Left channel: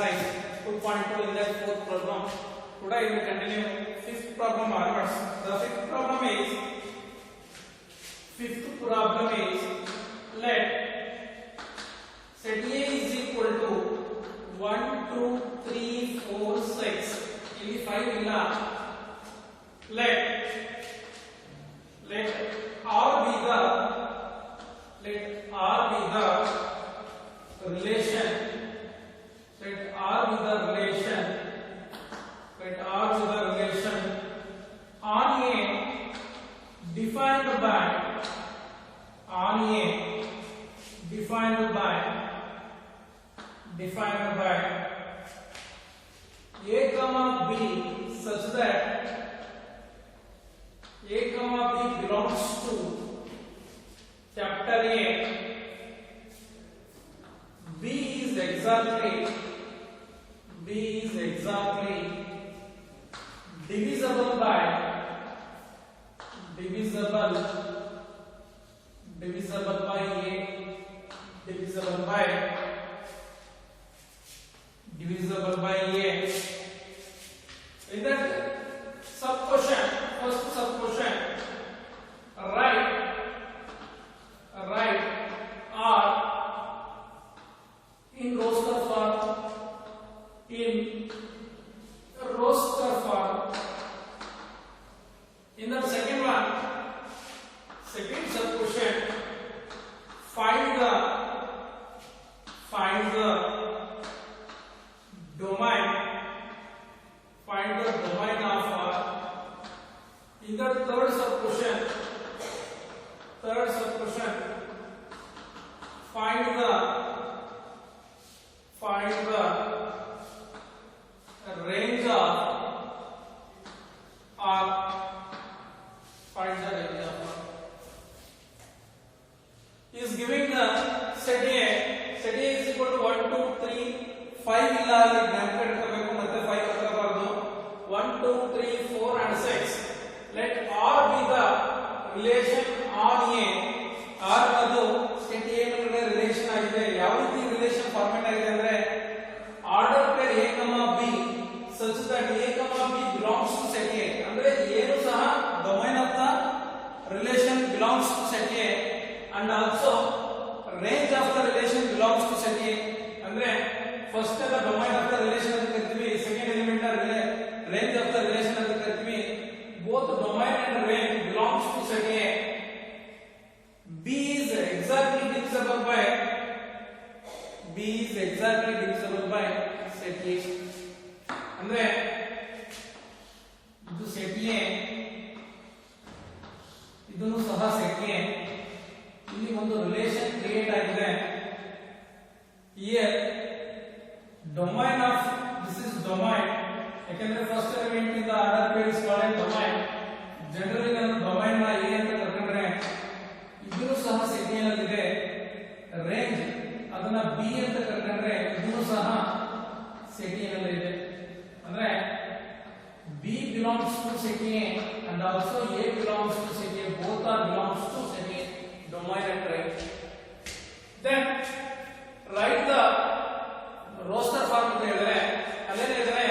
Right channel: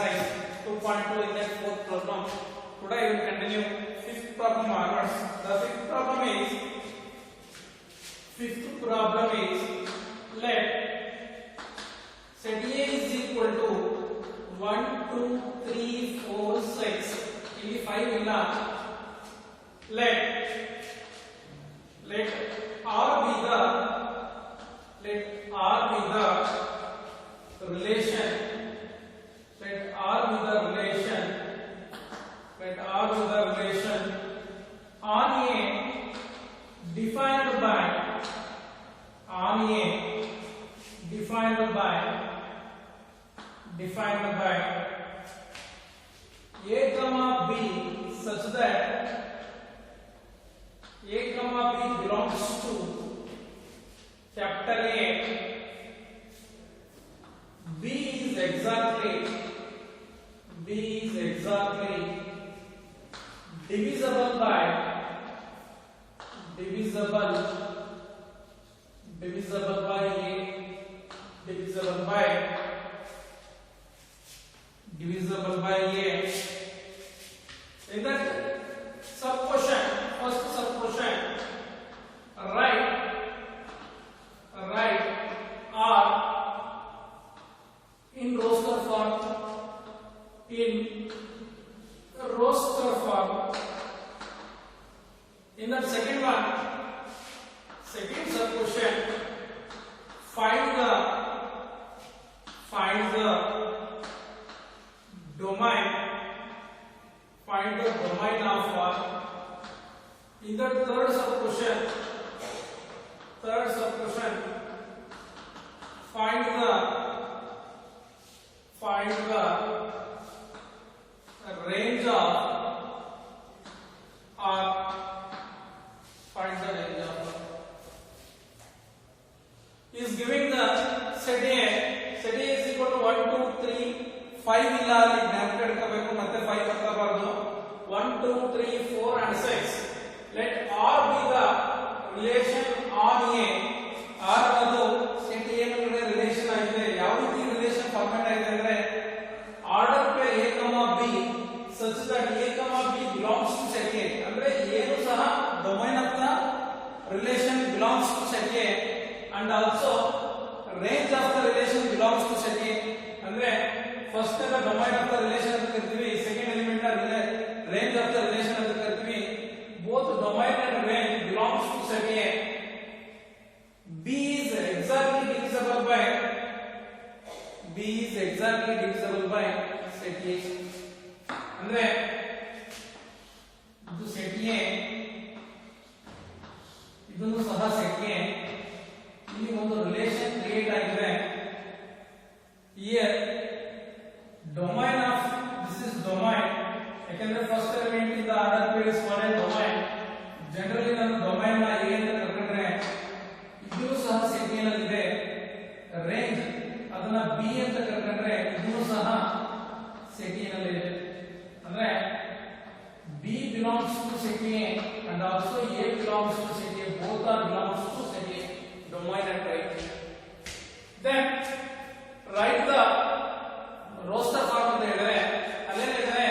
exercise 2.2 in the fourth problem. Today we will continue fifth problem onwards. The fifth problem is let set A is equal to 1 2 3 4 6 ಇಲ್ಲಿ 5 ಇಲ್ಲ. let R be the relation. Let R be the relation on A defined by A comma B such that A comma B belongs to capital A. B is exactly divisible by A, divisible by A. In that sub question, first sub question, write R in roster form. In the second one, second sub question, find the domain of R. In the third sub question, find the range of R. Is giving the set A is equal to 1 2 3 5 ಇಲ್ಲ ಅಲ್ಲಿ ಜ್ಞಾಪಕ ಇಟ್ಕೋಬೇಕು ಮತ್ತೆ 5 ಹಾಕಬಾರದು. 1 2 3 4 and 6. let R be the relation on A. R ಅನ್ನೋದು set A ಮೇಲೆ relation ಆಗಿದೆ. ಯಾವ ರೀತಿ ರಿಲೇಶನ್ ಫಾರ್ಮ್ಯಾಟ್ ಆಗಿದೆ ಅಂದ್ರೆ order pair A, B such that A, B belongs to set A. ಅಂದ್ರೆ ಏನು ಸಹ domain of the relation belongs to set A and also range of the relation belongs to set A. ಅಂದ್ರೆ first the domain of the relation ಅಂತ ಕರಿತೀವಿ, second element range of the relation ಅಂತ ಕರಿತೀವಿ. both domain and range belongs to set A. B is exactly divisible by set A. ಅಂದ್ರೆ ಇದು set A, ಇದನ್ನು ಸಹ set A. ಇಲ್ಲಿ ಒಂದು ರಿಲೇಶನ್ ಕ್ರಿಯೇಟ್ ಆಗಿದೆ. here domain of this is domain, ಯಾಕಂದ್ರೆ ಫಸ್ಟ್ ಎಲಿಮೆಂಟ್ ಇಂದ order pair is called domain. Generally ನಾನು ಡೊಮೈನ್ ನ A ಅಂತ ಕರ್ಕೊಂಡ್ರೆ ಇದನ್ನು ಸಹ set A ನಲ್ಲಿ ಇದೆ. ರೇಂಜ್ ಅದನ್ನ B ಅಂತ ಕರ್ಕೊಂಡ್ರೆ ಇದನ್ನು ಸಹ set A ನಲ್ಲಿ ಇದೆ. ಅಂದ್ರೆ B belongs to set A and also A belongs to set A. both are belongs to set A, domain and range. Then write the roster form ಅಂತ ಹೇಳಿದ್ರೆ ಅಲ್ಲೇನಿದೆ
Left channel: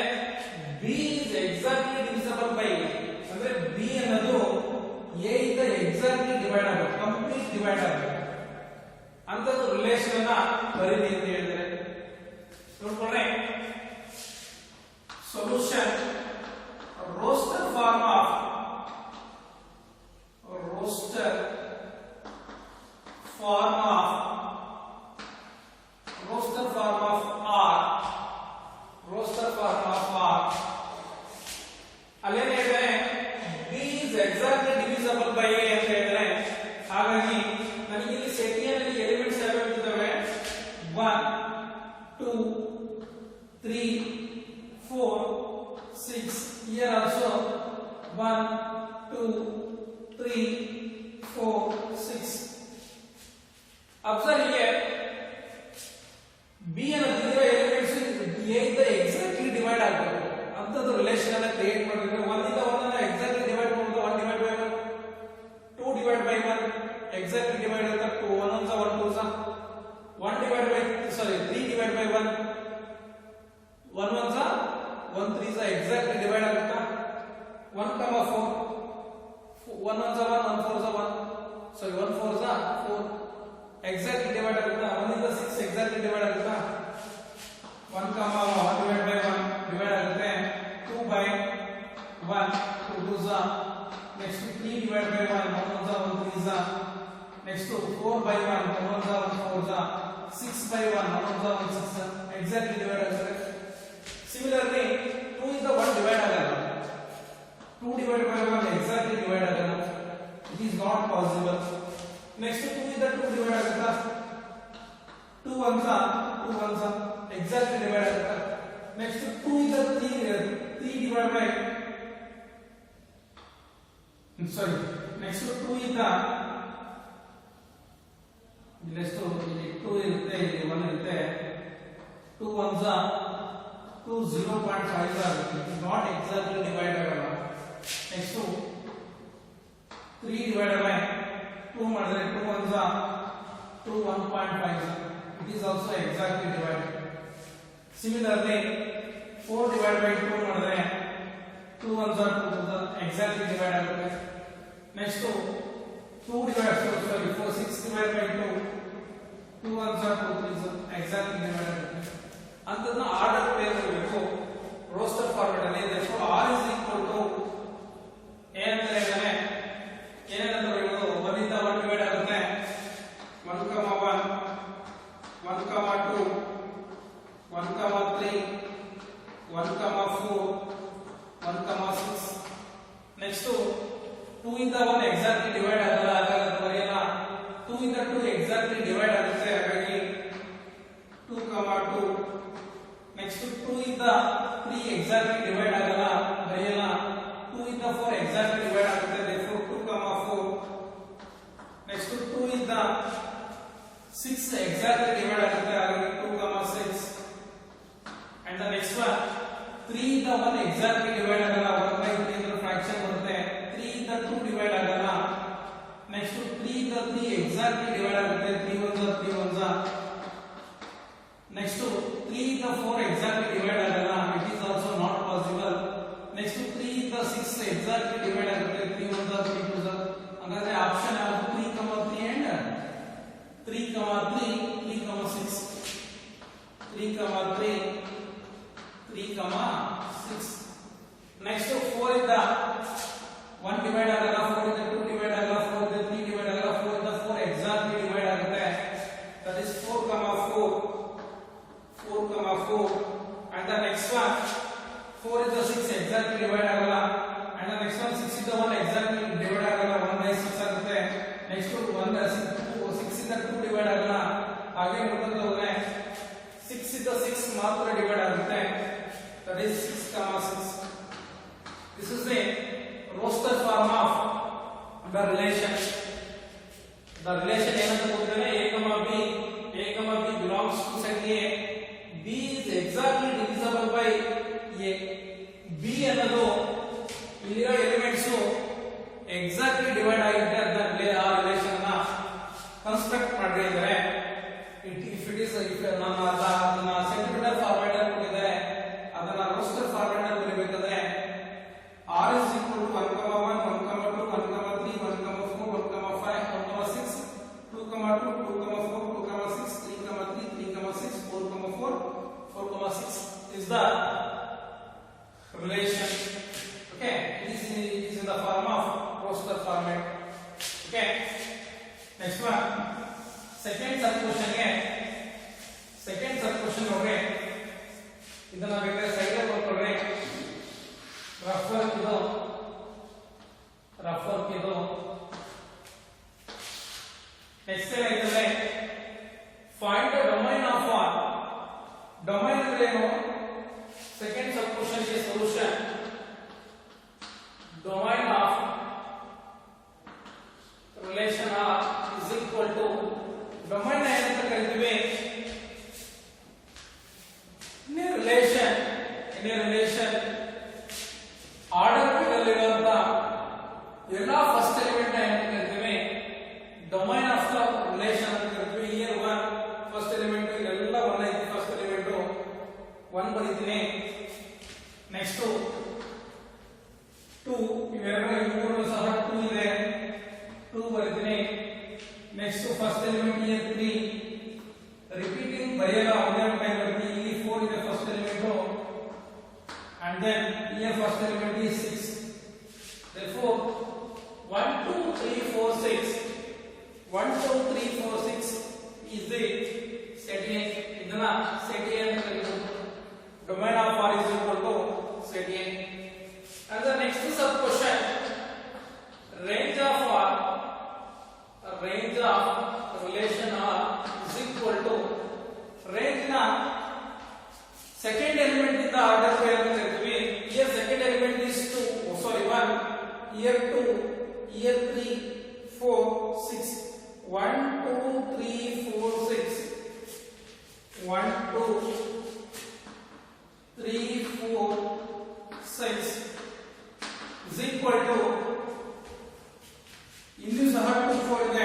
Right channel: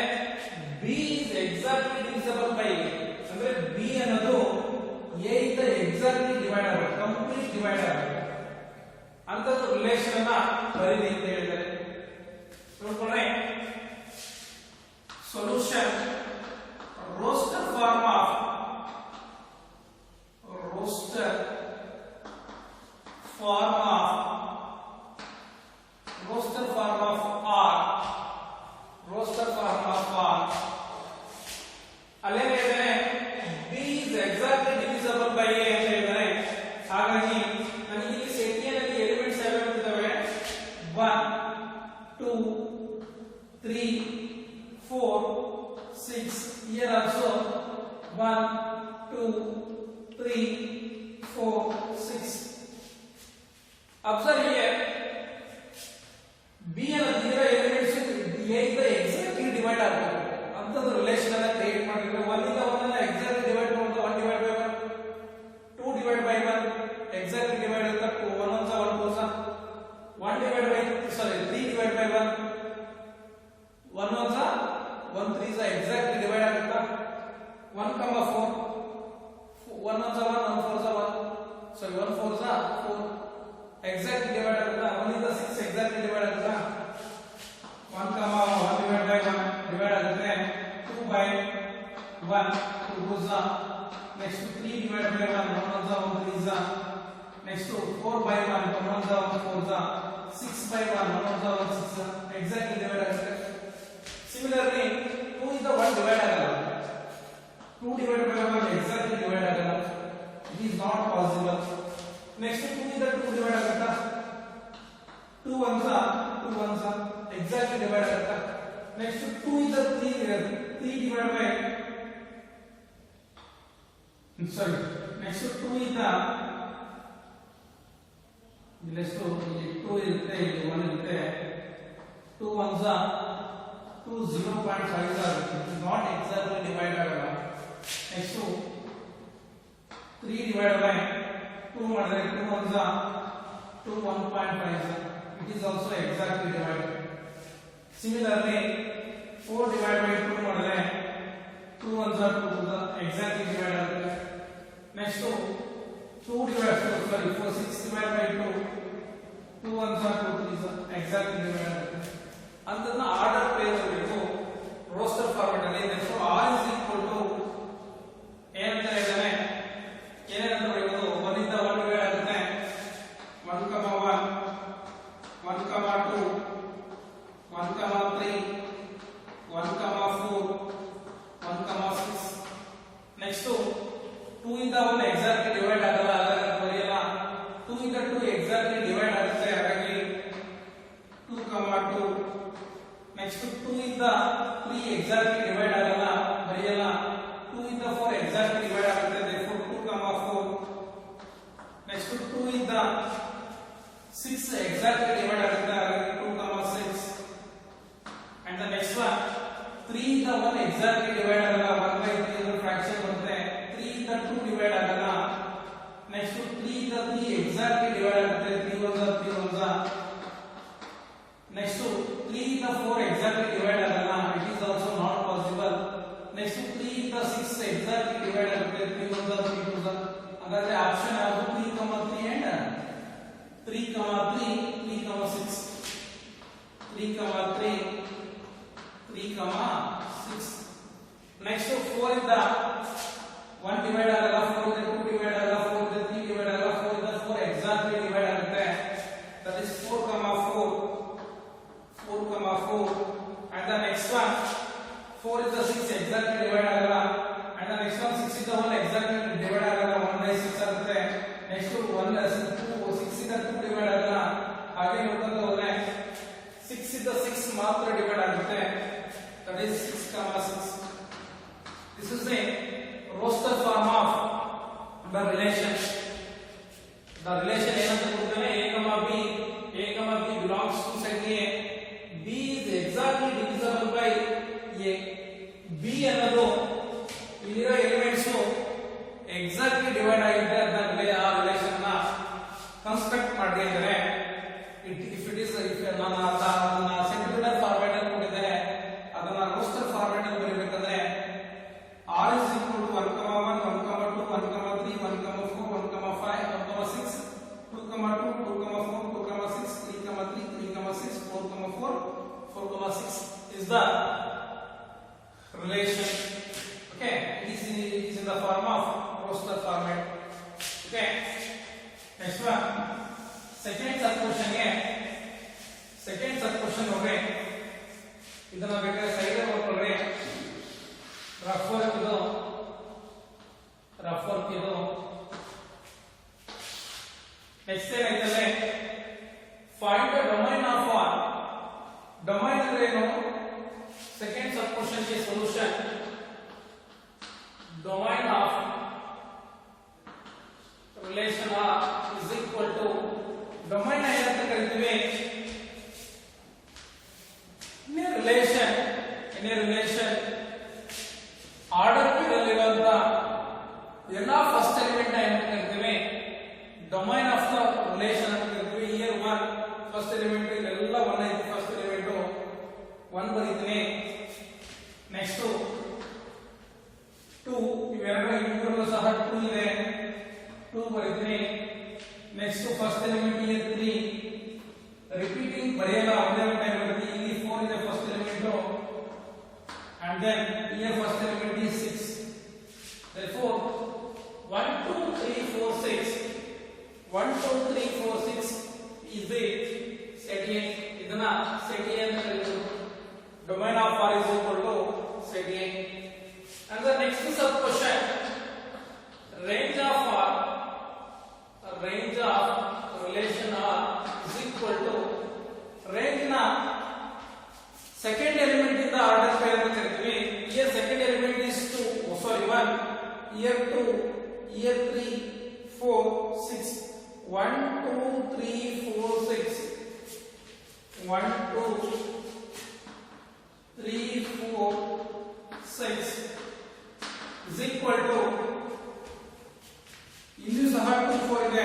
B is exactly divisible by A. ಅಂದ್ರೆ B ಅನ್ನೋದು A ಇಂದ exactly divide ಆಗಬೇಕು, complete divide ಆಗಬೇಕು ಅಂತದ್ದು relation ಅನ್ನ ಬರೀರಿ ಅಂತ ಹೇಳಿದ್ದಾರೆ. ನೋಡ್ಕೊಂಡ್ರೆ solution roster form of R ಅಲ್ಲೇನೇ ಇದೆ B is exactly divisible by A ಅಂತ ಹೇಳಿದರೆ, ಹಾಗಾಗಿ ನನಗೆ ಇಲ್ಲಿ ಸೆಟ್ A ನಲ್ಲಿ ಎಲಿಮೆಂಟ್ಸ್ ಯಾವ್ಯಾವ ಇದ್ದಾವೆ? 1 2 3 4 6. here also 1 2 3 4 6. observe here B ಅನ್ನೋದಿರೋ ಎಲಿಮೆಂಟ್ಸ್ A ಇಂದ ಎಕ್ಸಾಕ್ಟ್ಲಿ ಡಿವೈಡ್ ಆಗಬೇಕು ಅಂತದ್ದು ರಿಲೇಶನ್ ಅನ್ನ ಕ್ರಿಯೇಟ್ ಮಾಡಿದ್ರೆ 1 ಇಂದ 1 ಅನ್ನ ಎಕ್ಸಾಕ್ಟ್ಲಿ ಡಿವೈಡ್ ಮಾಡೋದು 1 divide by 1, 2 divide by 1 exactly divide ಅಂತ 1 1 1 2 1 divided by 3 divided by 1, 1 1 1 4 1 sorry 1 4 4 exactly divide ಆಗುತ್ತಾ 1 ಇಂದ 6 exactly divide ಆಗುತ್ತಾ 1 comma 1 divided by 1 divide ಆಗುತ್ತೆ 2 by 1 2 2 za next 3 divided by 1 1 1 za 1 3 za next 4 by 1 1 1 za 1 4 za 6 by 1 1 1 za 1 6 za exactly divide ಆಗುತ್ತೆ similarly 2 ಇಂದ 1 divide ಆಗಲ್ಲ 2 divided by 1 exactly divide ಆಗಲ್ಲ it is not possible next 2 ಇಂದ 2 divide ಆಗುತ್ತಾ 2 1 za 2 1 za exactly divide ಆಗುತ್ತಾ next 2 ಇಂದ 3 divide by sorry next 2 ಇಂದ ಇಲ್ಲೆಷ್ಟು ಇಲ್ಲಿ 2 ಇರುತ್ತೆ ಇಲ್ಲಿ 1 ಇರುತ್ತೆ 2 1 za 2 0.5 za ಆಗುತ್ತೆ it is not exactly divide ಆಗಲ್ಲ next 3 divided by 2 ಮಾಡಿದ್ರೆ 2 1 za 2 1.5 za it is also exactly divided similarly 4 divided by 2 ಮಾಡಿದ್ರೆ 2 1 za 2 2 za exactly divide ಆಗುತ್ತೆ next 2 divided sorry 4 6 divided by 2 2 1 za 2 3 za exactly divide ಆಗುತ್ತೆ ಅಂತದನ್ನ order peer ಮಾಡಬೇಕು roster format ಅಲ್ಲಿ next r is equal to ಏನಂತ ಹೇಳಿದ್ರೆ ಏನೇನಂತ ಬರೆಯೋದು 1 ಇಂದ 1 ಡಿವೈಡ್ ಆಗುತ್ತೆ 1 1 1 2 1 3 1 4 1 6 ನೆಕ್ಸ್ಟ್ 2 ಇಂದ 1 ಎಕ್ಸಾಕ್ಟ್ಲಿ ಡಿವೈಡ್ ಆಗಲ್ಲ ಹಾಗಾಗಿ ಬರೆಯೋಣ 2 ಇಂದ 2 ಎಕ್ಸಾಕ್ಟ್ಲಿ ಡಿವೈಡ್ ಆಗುತ್ತೆ ಹಾಗಾಗಿ 2 2 ನೆಕ್ಸ್ಟ್ 2 ಇಂದ 3 ಎಕ್ಸಾಕ್ಟ್ಲಿ ಡಿವೈಡ್ ಆಗಲ್ಲ ಬರೆಯೋಣ 2 ಇಂದ 4 ಎಕ್ಸಾಕ್ಟ್ಲಿ ಡಿವೈಡ್ ಆಗುತ್ತೆ therefore 2 4 ನೆಕ್ಸ್ಟ್ 2 ಇಂದ 6 ಎಕ್ಸಾಕ್ಟ್ಲಿ ಡಿವೈಡ್ ಆಗುತ್ತೆ ಹಾಗಾಗಿ 2 6 and the next one 3 ಇಂದ 1 ಎಕ್ಸಾಕ್ಟ್ಲಿ ಡಿವೈಡ್ ಆಗಲ್ಲ 1 by 3 ಅಂದ್ರೆ ಫ್ರಾಕ್ಷನ್ ಬರುತ್ತೆ 3 ಇಂದ 2 ಡಿವೈಡ್ ಆಗಲ್ಲ ನೆಕ್ಸ್ಟ್ 3 ಇಂದ 3 ಎಕ್ಸಾಕ್ಟ್ಲಿ ಡಿವೈಡ್ ಆಗುತ್ತೆ 3 1 3 1 ನೆಕ್ಸ್ಟ್ 3 ಇಂದ 4 ಎಕ್ಸಾಕ್ಟ್ಲಿ ಡಿವೈಡ್ ಆಗಲ್ಲ it is also not possible next 3 ಇಂದ 6 ಎಕ್ಸಾಕ್ಟ್ಲಿ ಡಿವೈಡ್ ಆಗುತ್ತೆ 3 1 3 2 ಹಾಗಾದ್ರೆ ಆಪ್ಷನ್ ಯಾವುದು 3 3 and 3 3 3 6 3 3 3 6 ನೆಕ್ಸ್ಟ್ 4 ಇಂದ 1 ಡಿವೈಡ್ ಆಗಲ್ಲ 4 ಇಂದ 2 ಡಿವೈಡ್ ಆಗಲ್ಲ 4 ಇಂದ 3 ಡಿವೈಡ್ ಆಗಲ್ಲ 4 ಇಂದ 4 ಎಕ್ಸಾಕ್ಟ್ಲಿ ಡಿವೈಡ್ ಆಗುತ್ತೆ that is 4 4 and the next one 4 is the 6 exactly divide ಆಗಲ್ಲ and the next one 6 is the 1 exactly divide ಆಗಲ್ಲ 1 by 6 ಆಗುತ್ತೆ next 1 6 ಇಂದ 2 divide ಆಗಲ್ಲ ಹಾಗೆ ನೋಡ್ಕೊಂತ ಹೋದ್ರೆ 6 is the 6 ಮಾತ್ರ divide ಆಗುತ್ತೆ that is 6 6 this is a roster form of the relation ಏನಂತ ಕೊಡ್ತಾನೆ a b belongs to set a b is exactly divisible by a b ಅನ್ನೋದು ಇಲ್ಲಿರೋ ಎಲಿಮೆಂಟ್ಸ್ ಎಕ್ಸಾಕ್ಟ್ಲಿ ಡಿವೈಡ್ ಆಗಿದೆ ಅಂತ ಆ ರಿಲೇಷನ್ ಅನ್ನ ಕನ್ಸ್ಟ್ರಕ್ಟ್ ಮಾಡ್ತಾ ಇದ್ದಾರೆ ಇಫ್ ನಾನು ಅದನ್ನ ಸೆಂಟಿಮೀಟರ್ ಫಾರ್ಮ್ಯಾಟ್ ಅಲ್ಲಿ ಕೊಟ್ಟಿದ್ದಾರೆ ಅದನ್ನ ರೋಸ್ಟರ್ ಫಾರ್ಮ್ಯಾಟ್ ಅಲ್ಲಿ ಬರೀಬೇಕಂದ್ರೆ r is equal to 1 1 1 2 1 3 1 4 1 5 1 6 2 2 4 2 6 3 3 6 4 4 6 is the relation. Okay, it is in the form of roster format. Okay, next one second sub question ನೋಡ್ರಿ ಇದನ್ನ ಬೇಕಾದ್ರೆ ಸೈಡ್ ಬರ್ಕೊಳ್ಳ್ರಿ ರಫ್ ವರ್ಕ್ ಇದು ನೆಕ್ಸ್ಟ್ ಏನಾಯ್ತಂದ್ರೆ find the domain of R domain ಅಂದ್ರೆ ಏನು second sub question ಗೆ solution domain of relation R is equal to domain ಏನಂತ ಕರಿತೀವಿ in a relation ಆರ್ಡರ್ ಇರಲಿರುವಂತ ಎಲ್ಲ ಫಸ್ಟ್ ಎಲಿಮೆಂಟ್ ಏನಂತ ಕರಿತೀವಿ ಡೊಮೈನ್ ಆಫ್ ದ ರಿಲೇಷನ್ ಅಂತ ಕರಿತೀವಿ ಇಯರ್ 1 ಫಸ್ಟ್ ಎಲಿಮೆಂಟ್ ಇಲ್ಲೆಲ್ಲ 1 ಐತಿ ಫಸ್ಟ್ ಎಲಿಮೆಂಟ್ 1 ಬರೀತೀನಿ ನೆಕ್ಸ್ಟ್ 2 ಇವೆರಡು ಸಹ 2 ಇದೆ 2 ಬರೀತೀನಿ ನೆಕ್ಸ್ಟ್ ಫಸ್ಟ್ ಎಲಿಮೆಂಟ್ ಇಯರ್ 3 ರಿಪೀಟಿಂಗ್ ಬರೆಯಲ್ಲ ಒಂದೇ ಟೈಮ್ ಬರೀತೀನಿ ಇಲ್ಲಿ 4 ಇದೆ first element and then here first element is 6 therefore 1 2 3 4 6 1 2 3 4 6 is the set A idana set A anta kariyodu domain of R is equal to set A and the next sub question range of R range of relation R is equal to range na second element in the order pair anta kariತೀವಿ here second element is 2 sorry 1 here 2 here 3 4 6 1 2 3 4 6 1 2 3 4 6 is equal to ಇಲ್ಲಿ ಸಹ 2 4 ಇದೆ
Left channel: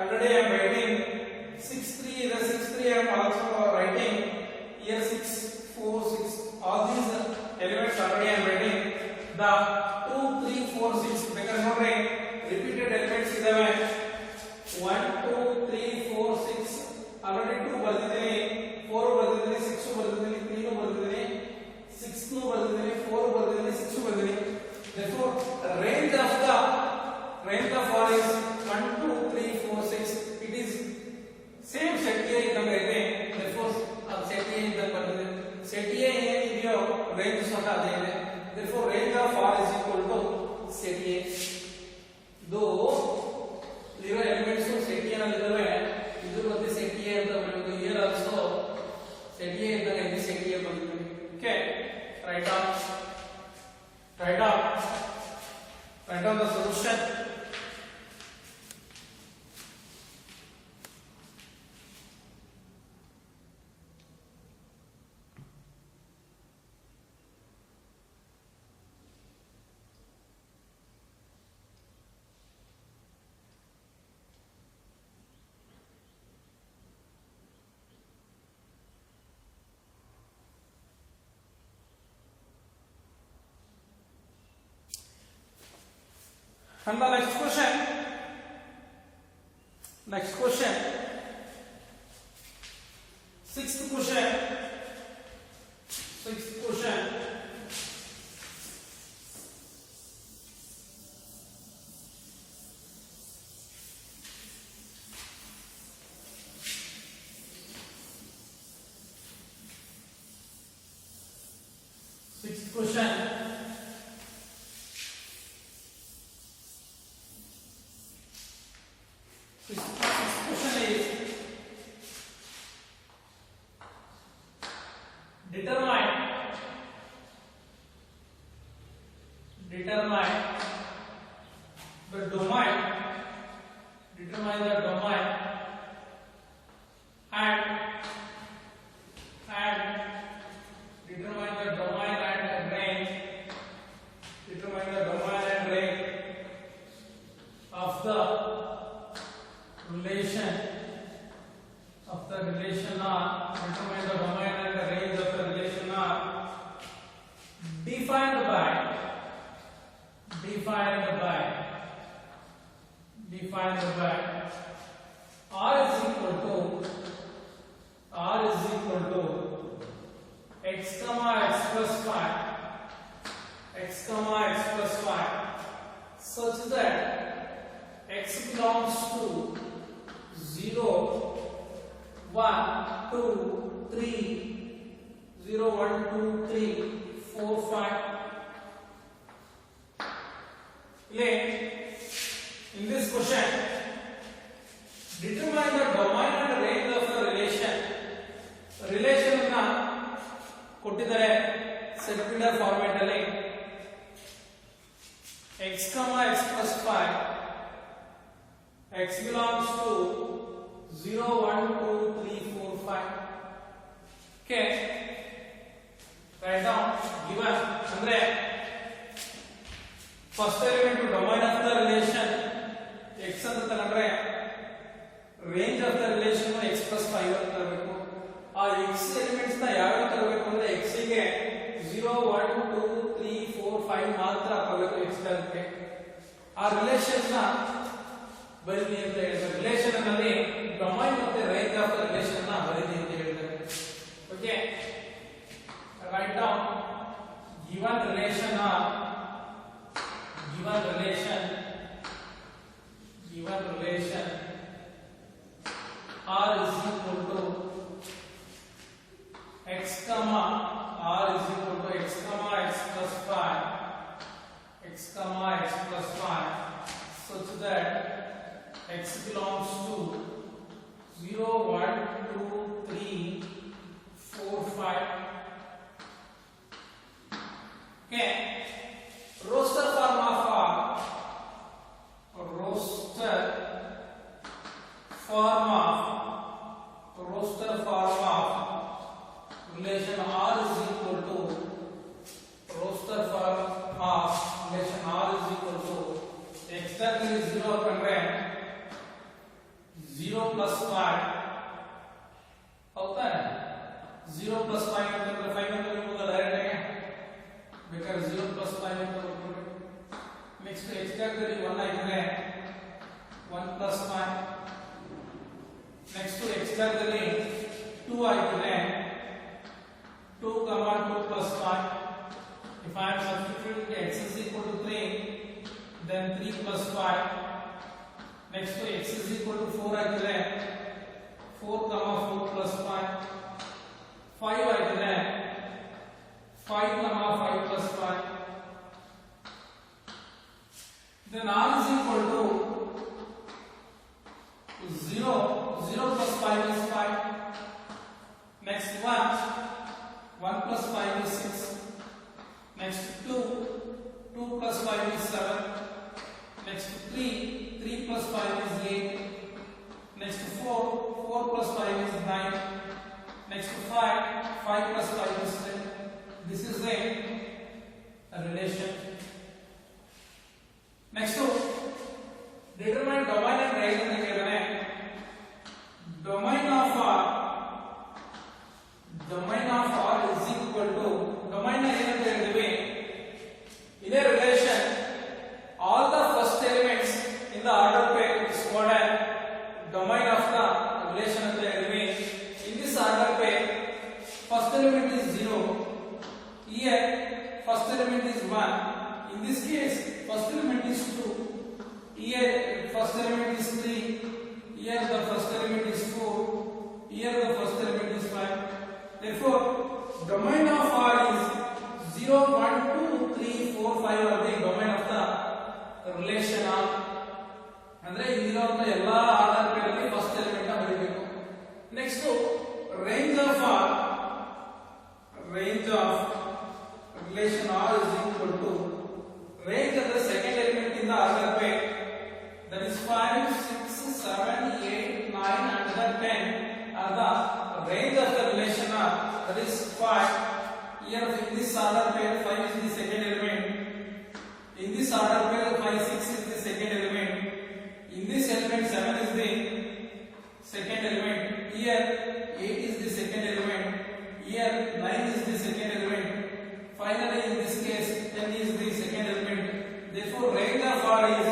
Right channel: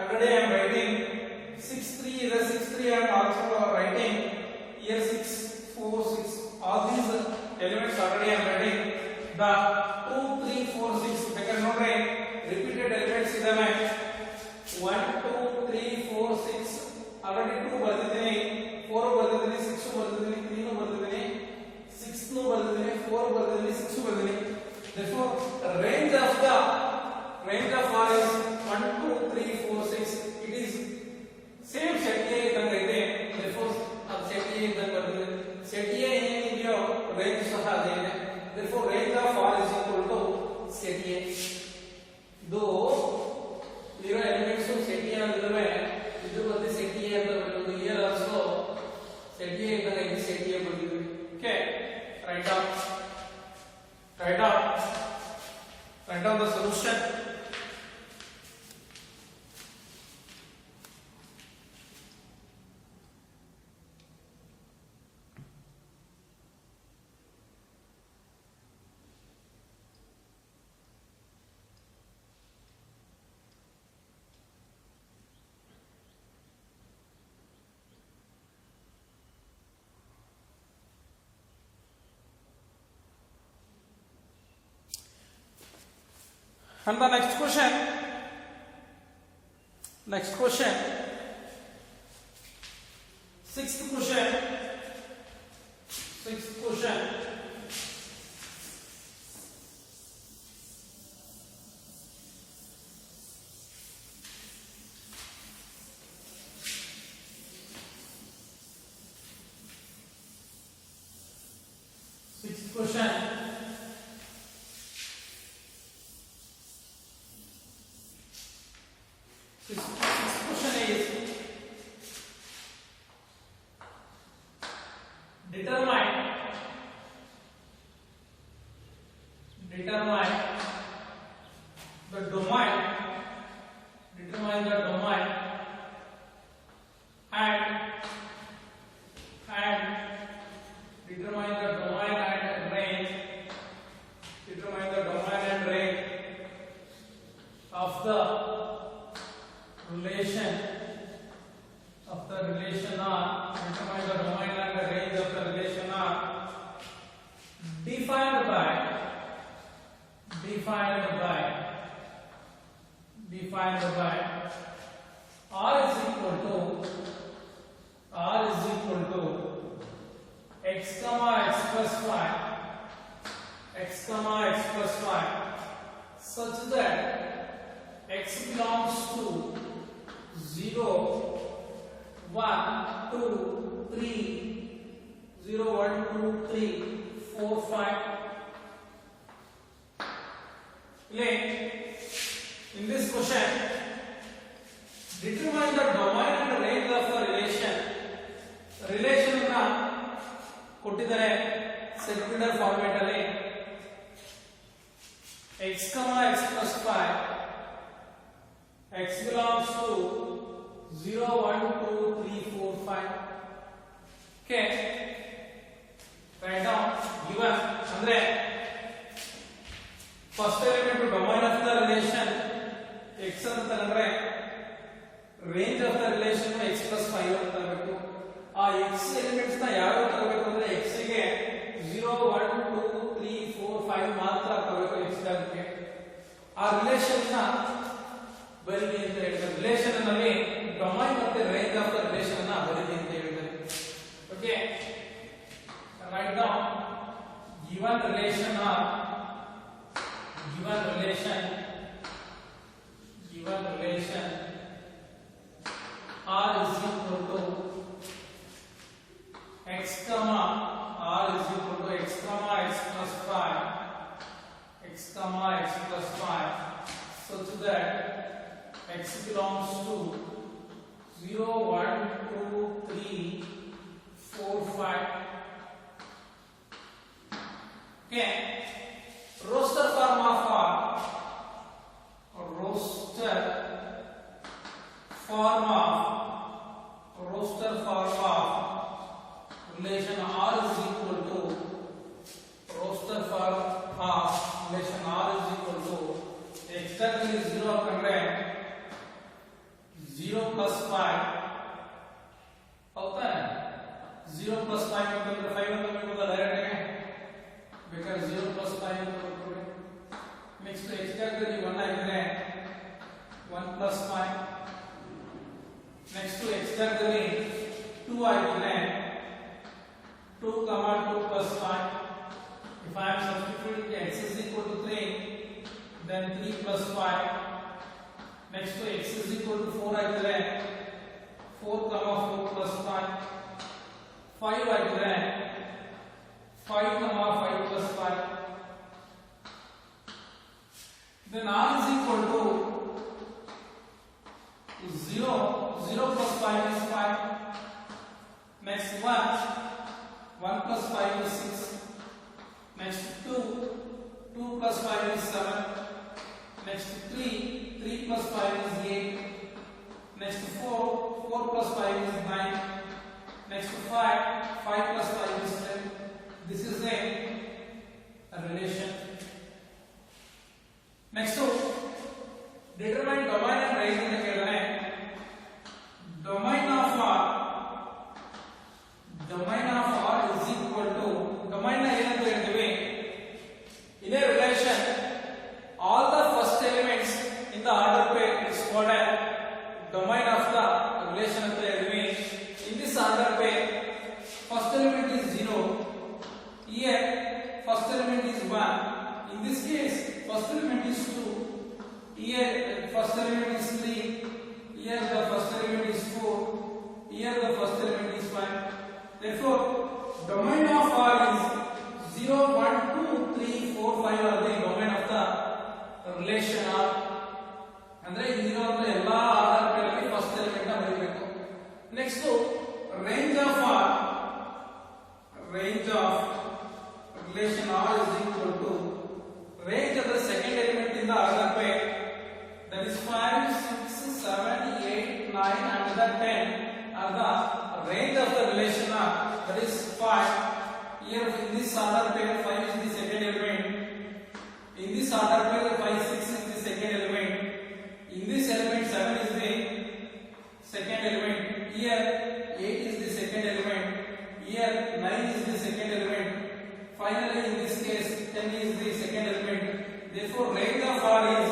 already I am writing 6 3 is 6 3 I am also writing here 6 4 6 all these elements already I am writing the 2 3 4 6 because ನೋಡ್ರಿ repeated elements ಇದಾವೆ 1 2 3 4 6 already 2 ಬರೆದಿದ್ದೀನಿ 4 ಬರೆದಿದ್ದೀನಿ 6 ಬರೆದಿದ್ದೀನಿ 3 ಬರೆದಿದ್ದೀನಿ 6 ಬರೆದಿದ್ದೀನಿ 4 ಬರೆದಿದ್ದೀನಿ 6 ಬರೆದಿದ್ದೀನಿ therefore range of all is 1 2 3 4 6 it is same set A ಇದ್ದಂಗೆ ಇದೆ therefore अब set A ಇದ್ದಂಗೆ ಬರ್ತದೆ set A ಏನಿದೆಯೋ range ಸಹ ಅದೇ ಇದೆ therefore range of R is equal to set A ಇದು ಇರೋ ಎಲಿಮೆಂಟ್ಸ್ set A ನಲ್ಲಿ ಇದಾವೆ ಇದು ಮತ್ತೆ set A ಅಂತ ಬರೆಯೋದು here also set A ಇದ್ದಂಗೆ ಇದೆ set A ಬರೆದಿದ್ದೀವಿ okay write down the solution and the next question sixth question is determine the domain and determine the domain and range of the relation R determine the domain and the range of the relation R defined by R is equal to x plus 5 such that x belongs to 0 1 2 3 0 1 2 3 4 5 in this question determine the domain and range of the relation ಅನ್ನು ಕೊಟ್ಟಿದ್ದಾರೆ secular format ಅಲ್ಲಿ x plus 5 x belongs to 0 1 2 3 4 5 okay write down given andre first element domain of the relation x ಅಂತ ತಗೊಂಡ್ರೆ range of the relation x plus 5 ಅಂತ ತಗೋಬೇಕು ಆ x elements ನ ಯಾವ ಯಾವ ತಗೋಬೇಕು ಅಂದ್ರೆ x ಗೆ 0 1 2 3 4 5 ಮಾತ್ರ ತಗೋಬೇಕು x ಗೆ ಆ ರಿಲೇಶನ್ ನ ಬರೀರಿ ಅಂತ ಹೇಳಿದ್ದಾರೆ. ರಿಲೇಶನ್ ನಲ್ಲಿ ಡೊಮೈನ್ ಮತ್ತೆ ರೇಂಜ್ ಆಫ್ ದ ರಿಲೇಶನ್ ನ ಬರೀರಿ ಅಂತ ಹೇಳಿದ್ದಾರೆ. Okay, write down given relation R is equal to x comma R is equal to x comma x plus 5 such that x belongs to 0 1 2 3 4 5. Okay, roster form of relation R is equal to roster form of relation R is equal to exactly 0 ಕಂಡ್ರೆ 0 plus 5 ಹೌದಾ? 0 plus 5 ಅಂತಂದ್ರೆ 5 ಅಂತ ಬರೀಬಹುದು direct ಬೇಕಾದ್ರೆ 0 plus 5 ಅಂತ ಬರೀತೀವಿ. Next exactly 1 ಆಗಿದ್ರೆ 1 plus 5. Next exactly 2 ಆಗಿದ್ರೆ 2 comma 2 plus 5. If I am substituting x is equal to 3, then 3 plus 5. Next to x is equal to 4 ಆಗಿದ್ರೆ 4 comma 4 plus 5. 5 ಆಗಿದ್ರೆ 5 comma 5 plus 5. Then R is equal to 0 plus 5 is 5. Next 1 plus 5 is 6. Next 2 plus 5 is 7. Next 3 plus 5 is 8. Next 4 plus 5 is 9. Next 5 plus 5 is 10. This is a relation. Next determine domain and range ಅಂತ ಹೇಳಿದ್ರೆ domain of R is equal to domain ನ ಏನಂತ ಹೇಳ್ತೀವಿ? in a relation all the first elements in the order pair is called as domain of the relation ಅಂತ ಹೇಳ್ತೀವಿ. in this order pair first element is 0, here first element is 1, in this case first element is 2, here first element is 3, here the first element is 4, here the first element is 5. Therefore domain of R is 0 1 2 3 4 5 are the domain of the relation R. ಅಂದ್ರೆ ಇಲ್ಲಿರುವಂತ ಎಲ್ಲಾ Aadhaar peer ಅಲ್ಲಿ first element ನ ಬರೀಬೇಕು. Next range of relation R is equal to range of the second element in the order pair, that is 5 6 7 8 9 and the 10 are the range of the relation R, that is 5. Here in this order pair 5 is the second element, in this order pair 5 6 is the second element, in this element 7 is the second element, here 8 is the second element, here 9 is the second element, finally in this case 10 is the second element. Therefore range of R is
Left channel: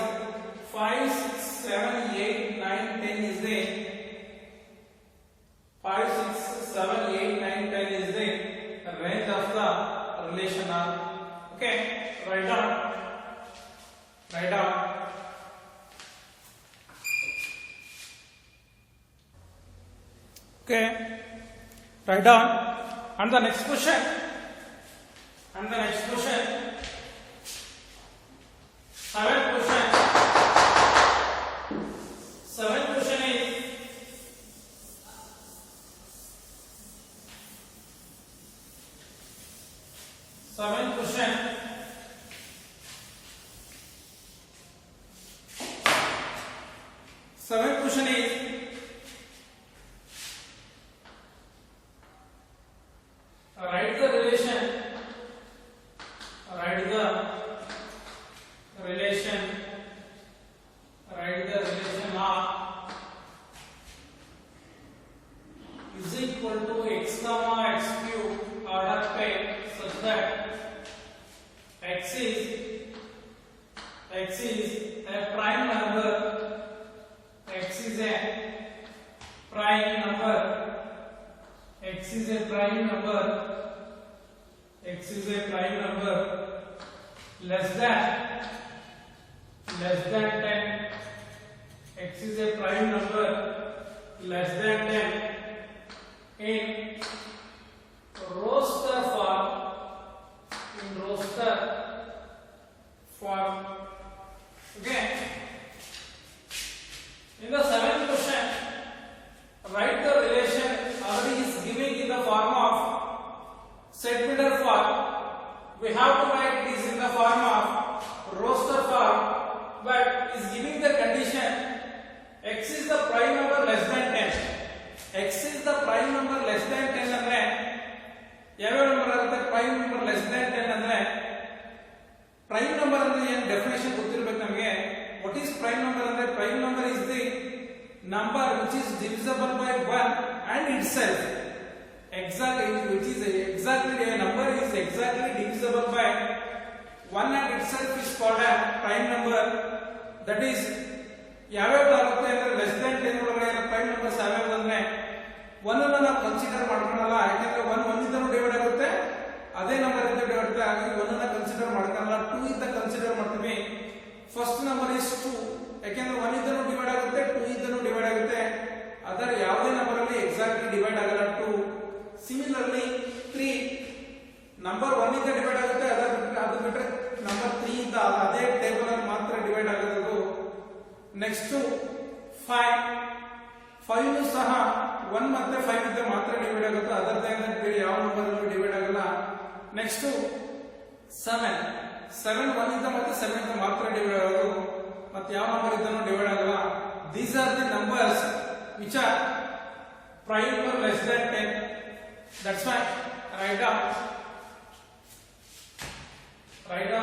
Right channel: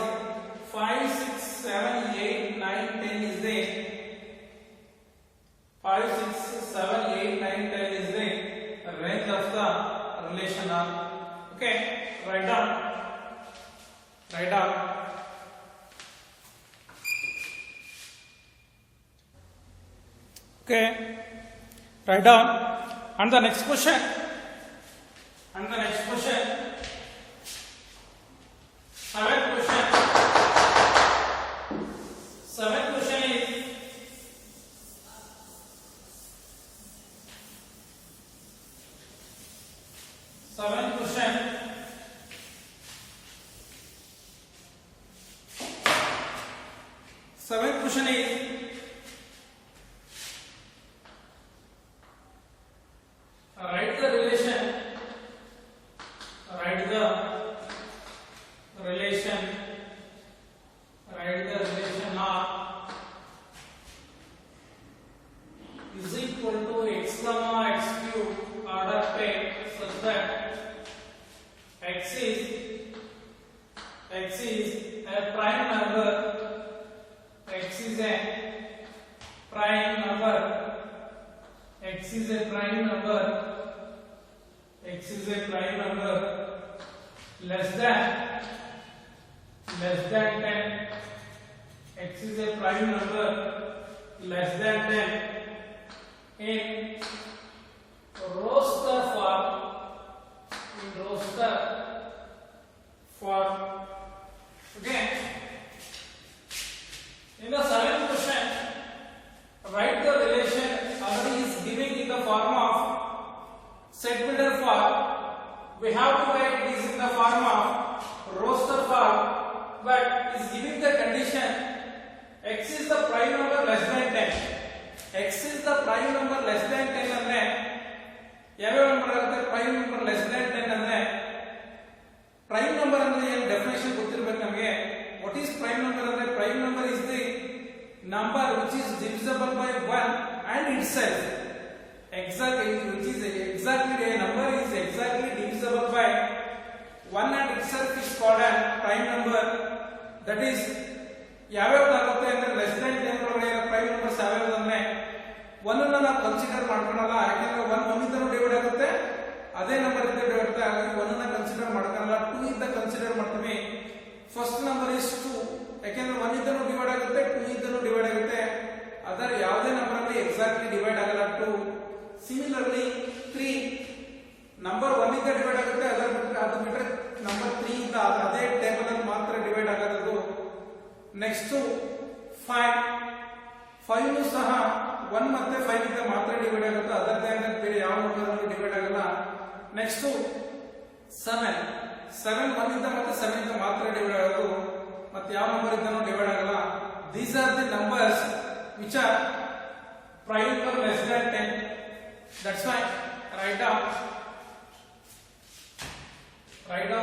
5 6 7 8 9 10 is the 5 6 7 8 9 10 is the range of the relation R. Okay, write down. Okay, write down. And the next question. Seventh question. Seventh question is write the relation R is equal to x comma x cube order pair such that x is x is a prime number less than 10, x is a prime number less than 10 in roster form. Okay. In the seventh question, write the relation already is giving in the form of set builder form. We have to write this in the form of roster form, but is giving the condition x is the prime number less than 10. x is the prime number less than 10 ಅಂದ್ರೆ ಯಾವ number ಆಗುತ್ತೆ? Prime number less than 10 ಅಂದ್ರೆ prime number ಅಂದ್ರೆ ಏನು definition ಗೊತ್ತಿರಬೇಕು ನಮಗೆ. What is prime number ಅಂದ್ರೆ prime number is the number which is divisible by 1 and itself. Exactly, which is exactly a number is exactly divisible by 1 and itself is called a prime number. That is ಯಾವ್ಯಾವ ಆಗುತ್ತೆ ಅಂದ್ರೆ less than 10 ಒಳಗಡೆ prime numbers ಯಾವ್ಯಾವ ಅಂದ್ರೆ 1 ಅನ್ನು ನಾವು consider ಮಾಡ್ಕೊಳ್ಳಲ್ಲ, ಯಾಕಂದ್ರೆ 1 ಇಂದನೂ divide ಆಗುತ್ತೆ, ಅದೇ ನಂಬರ್ ಇಂದ ಡಿವೈಡ್ ಆಗುತ್ತೆ, ಹಾಗಾಗಿ 1 ಅನ್ನು ಕನ್ಸಿಡರ್ ಮಾಡ್ಕೊಳ್ಳಲ್ಲ, 2 ಇಂದ ಕನ್ಸಿಡರ್ ಮಾಡ್ತೀವಿ. ಫಸ್ಟ್ ನಂಬರ್ ಇಸ್ 2, ಯಾಕಂದ್ರೆ 1 ಇಂದನೂ ಡಿವೈಡ್ ಆಗುತ್ತೆ, 2 ಇಂದನೂ ಡಿವೈಡ್ ಆಗುತ್ತೆ, ಅದರ ಯಾವುದೇ ನಂಬರ್ ಅಲ್ಲಿ ಎಕ್ಸಾಕ್ಟ್ಲಿ ಡಿವೈಡ್ ಆಗಲ್ಲ 2. ಸಿಮಿಲರ್ಲಿ 3 ನಂಬರ್ 1 ಇಂದ ಡಿವೈಡ್ ಆಗುತ್ತೆ, ಅದು ಬಿಟ್ಟರೆ ನಂಬರ್ 3 ಇಂದ ಅದೇ ಟೇಬಲ್ ಅಲ್ಲಿ ಮಾತ್ರ ಡಿವೈಡ್ ಆಗೋದು. ನೆಕ್ಸ್ಟ್ 5 ಸಹ 1 ಮತ್ತೆ 5 ಇಂದ ಮಾತ್ರ ಡಿವೈಡ್ ಆಗುತ್ತೆ, ಅದರ್ ದನ್ ಬೇರೆ ಯಾವ ನಂಬರ್ ಅಲ್ಲೂ ಡಿವೈಡ್ ಆಗಲ್ಲ. ನೆಕ್ಸ್ಟ್ 7 1 ಇಂದ ಮತ್ತೆ 7 ಇಂದ ಮಾತ್ರ ಡಿವೈಡ್ ಆಗೋದು, ಮತ್ತೆ ಯಾವ ನಂಬರ್ ಇಂದನೂ ಡಿವೈಡ್ ಆಗಲ್ಲ. These are the numbers which are prime or less than 10. That's why write down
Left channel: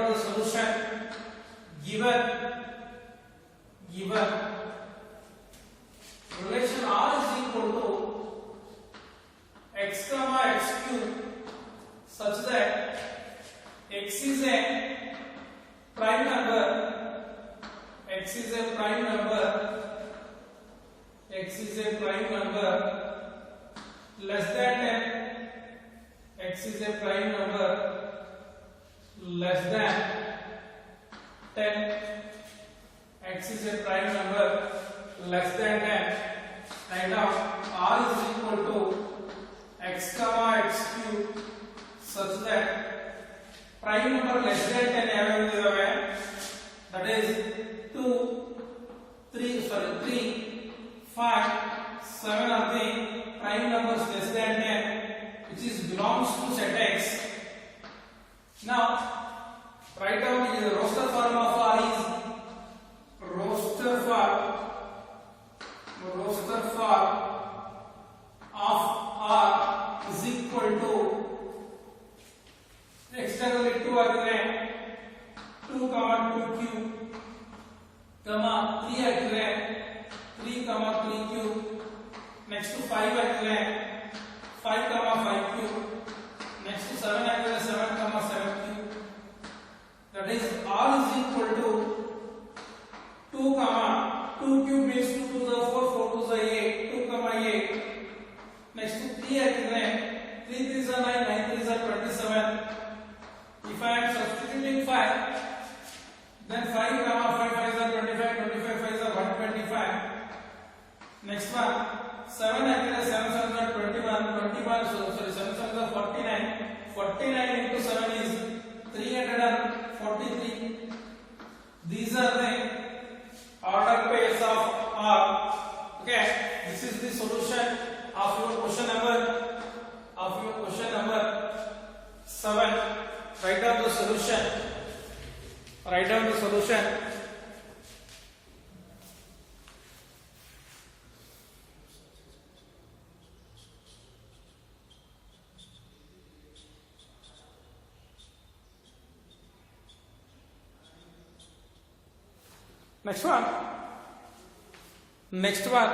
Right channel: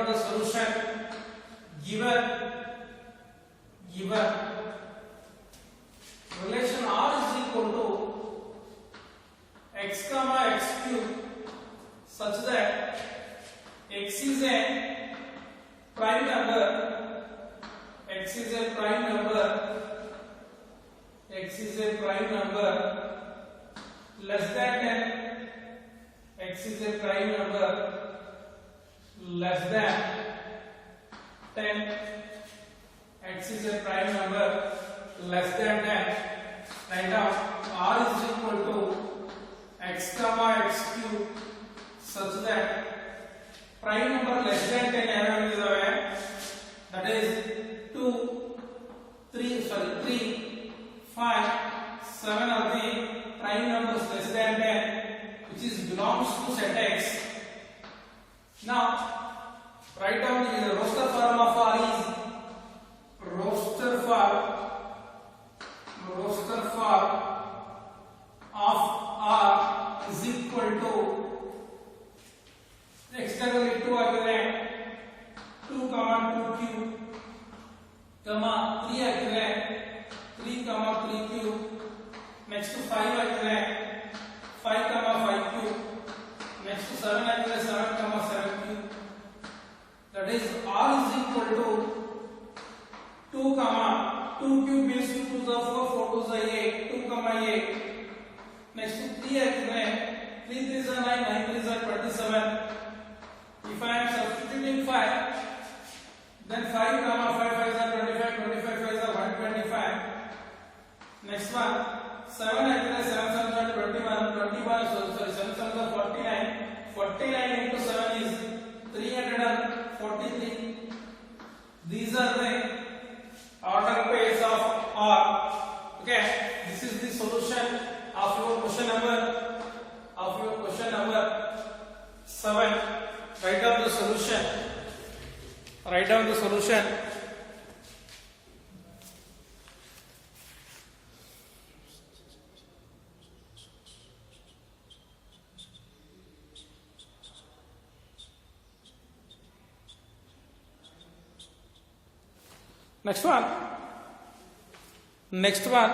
the solution given relation r is equal to x comma x cube such that x is a prime number less than 10, x is a prime number less than 10, x is a prime number less than 10. Write down r is equal to x comma x cube such that prime number less than 10 ಯಾವ್ಯಾವ ಇದಾವೆ? That is 2, 3, 5, 7 are the prime numbers less than 10, which is belongs to set x. Now write down the roster form of r is roster form of r is equal to externally 2 ಆಗಿದೆ, 2 cube 3 ಆಗಿದೆ, 3 cube. Next 5 ಆಗಿದೆ, 5 cube. Next 7 ಆಗಿದೆ, 7 cube. That is r is equal to 2 cube means 2 to the 4, 4 to the 8, 8. Next 3 ಆಗಿದೆ, 3 3s are 9, 9 3s are 27. If I am substituting 5, then 5 5s are 25, 25 5s are 125. Next one 7 ಆಗಿದೆ, 7 7s are 21, 7 7s are 49, 49 into 7 is 343. These are the order pairs of r. Okay, this is the solution of your question number 7. Write down the solution. Next one.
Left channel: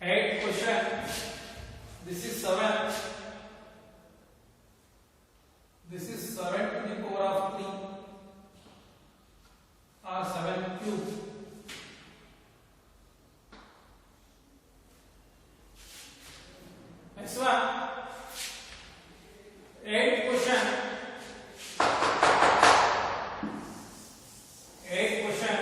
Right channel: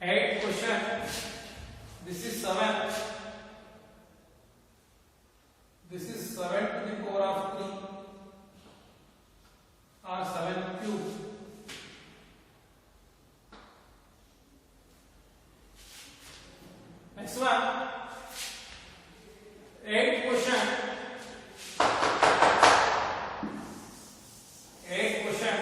8th question. This is 7. This is 7 to the power of 3 or 7 cube. Next one, 8 question. 8 question.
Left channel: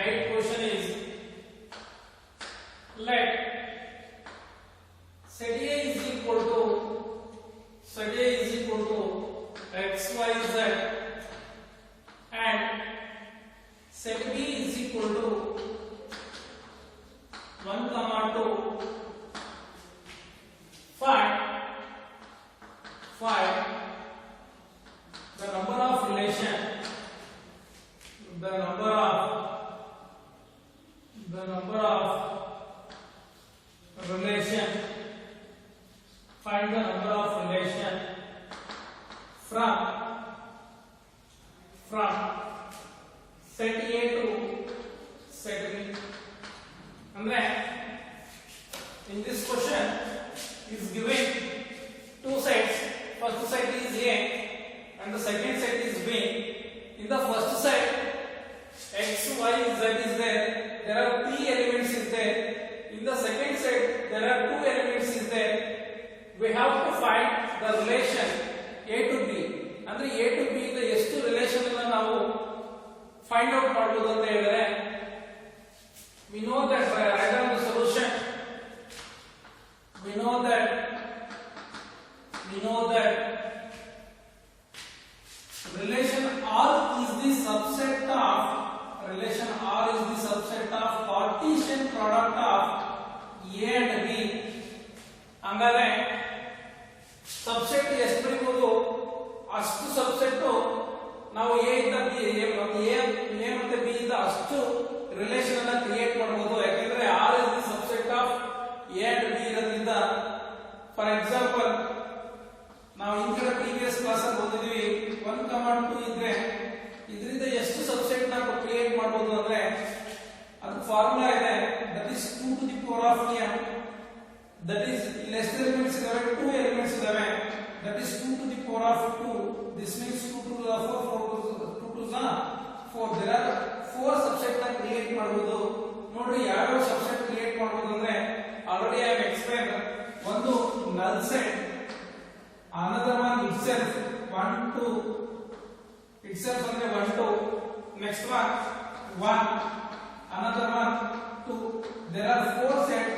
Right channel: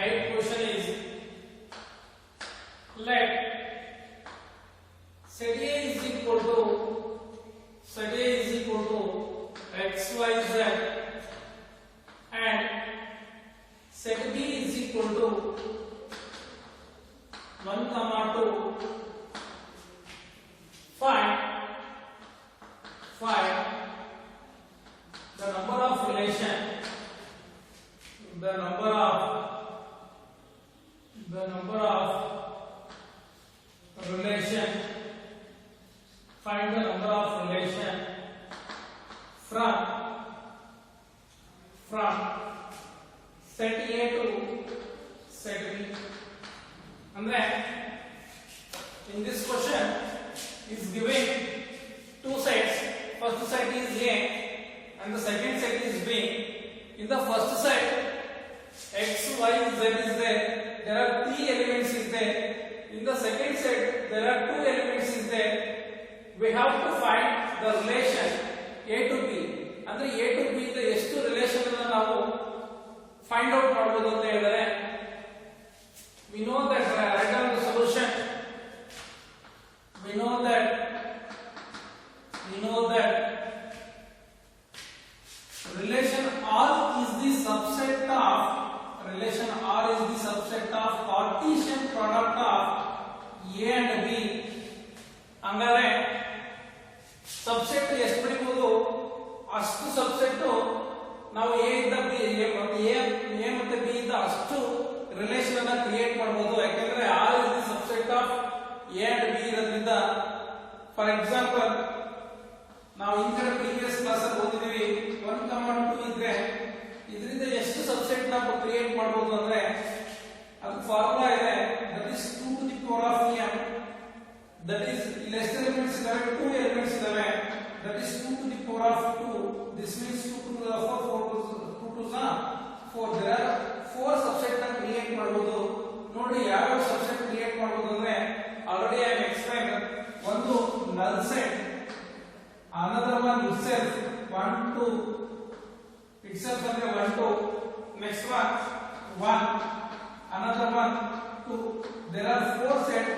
Eighth question is let set A is equal to x, y, z and set B is equal to 1, 2. Find the number of relation find the number of relation from set A to set B. Andre in this question is giving two sets. First set is A and the second set is B. In the first set x, y, z is there. There are 3 elements is there. In the second set there are 2 elements is there. We have to find the relation A to B. ಅಂದ್ರೆ A to B ಇಂದ ಎಷ್ಟು relation ಅನ್ನು ನಾವು find out ಮಾಡಬಹುದು ಅಂತ ಹೇಳಿದ್ರೆ we know that write down the solution. we know that relation R is the subset of Cartesian product of A and B. ಹಂಗಾದ್ರೆ subset ಎಷ್ಟು ಬರೀಬಹುದು ಅಷ್ಟು ಸಬ್ಸೆಟ್ ನಾವು A ಇಂದ B ಮತ್ತೆ B ಇಂದ ಅಷ್ಟು ರಿಲೇಶನ್ ಅನ್ನು ಕ್ರಿಯೇಟ್ ಮಾಡಬಹುದು. ಯಾಕಂದ್ರೆ R is the subset of A and B ಇರೋದ್ರಿಂದ ಫಾರ್ ಎಕ್ಸಾಂಪಲ್ ನಾವು ಈ ಕಡೆ ಪ್ರೀವಿಯಸ್ ಕ್ಲಾಸ್ ಅಲ್ಲಿ ಓದಿದೀವಿ 1, 2 ಇದ್ರೆ ಇದರಿಂದ ಎಷ್ಟು ಸಬ್ಸೆಟ್ ನಾವು ಕ್ರಿಯೇಟ್ ಮಾಡಬಹುದು ಅಂದ್ರೆ ಅದು ಫಾರ್ಮುಲಾ ಇದೆ. That is 2 to the power of m. That is less elements ಇದಾವೆ, 2 elements ಇದಾವೆ. That is 2 to the power of 2. This means 2 to the 4 2 to 4. There are 4 subset ನ ಕ್ರಿಯೇಟ್ ಮಾಡಬಹುದು. ನೋಡಿ ಯಾವ ಸಬ್ಸೆಟ್ ಕ್ರಿಯೇಟ್ ಮಾಡಬಹುದು ಅಂದ್ರೆ ಆಲ್ರೆಡಿ ಐ ಎಕ್ಸ್ಪ್ಲೈನ್. ಒಂದು null set, another one itself 1 2 itself ಅಂದ್ರೆ 1 2, next one 1, another one 2. There are 4 sets.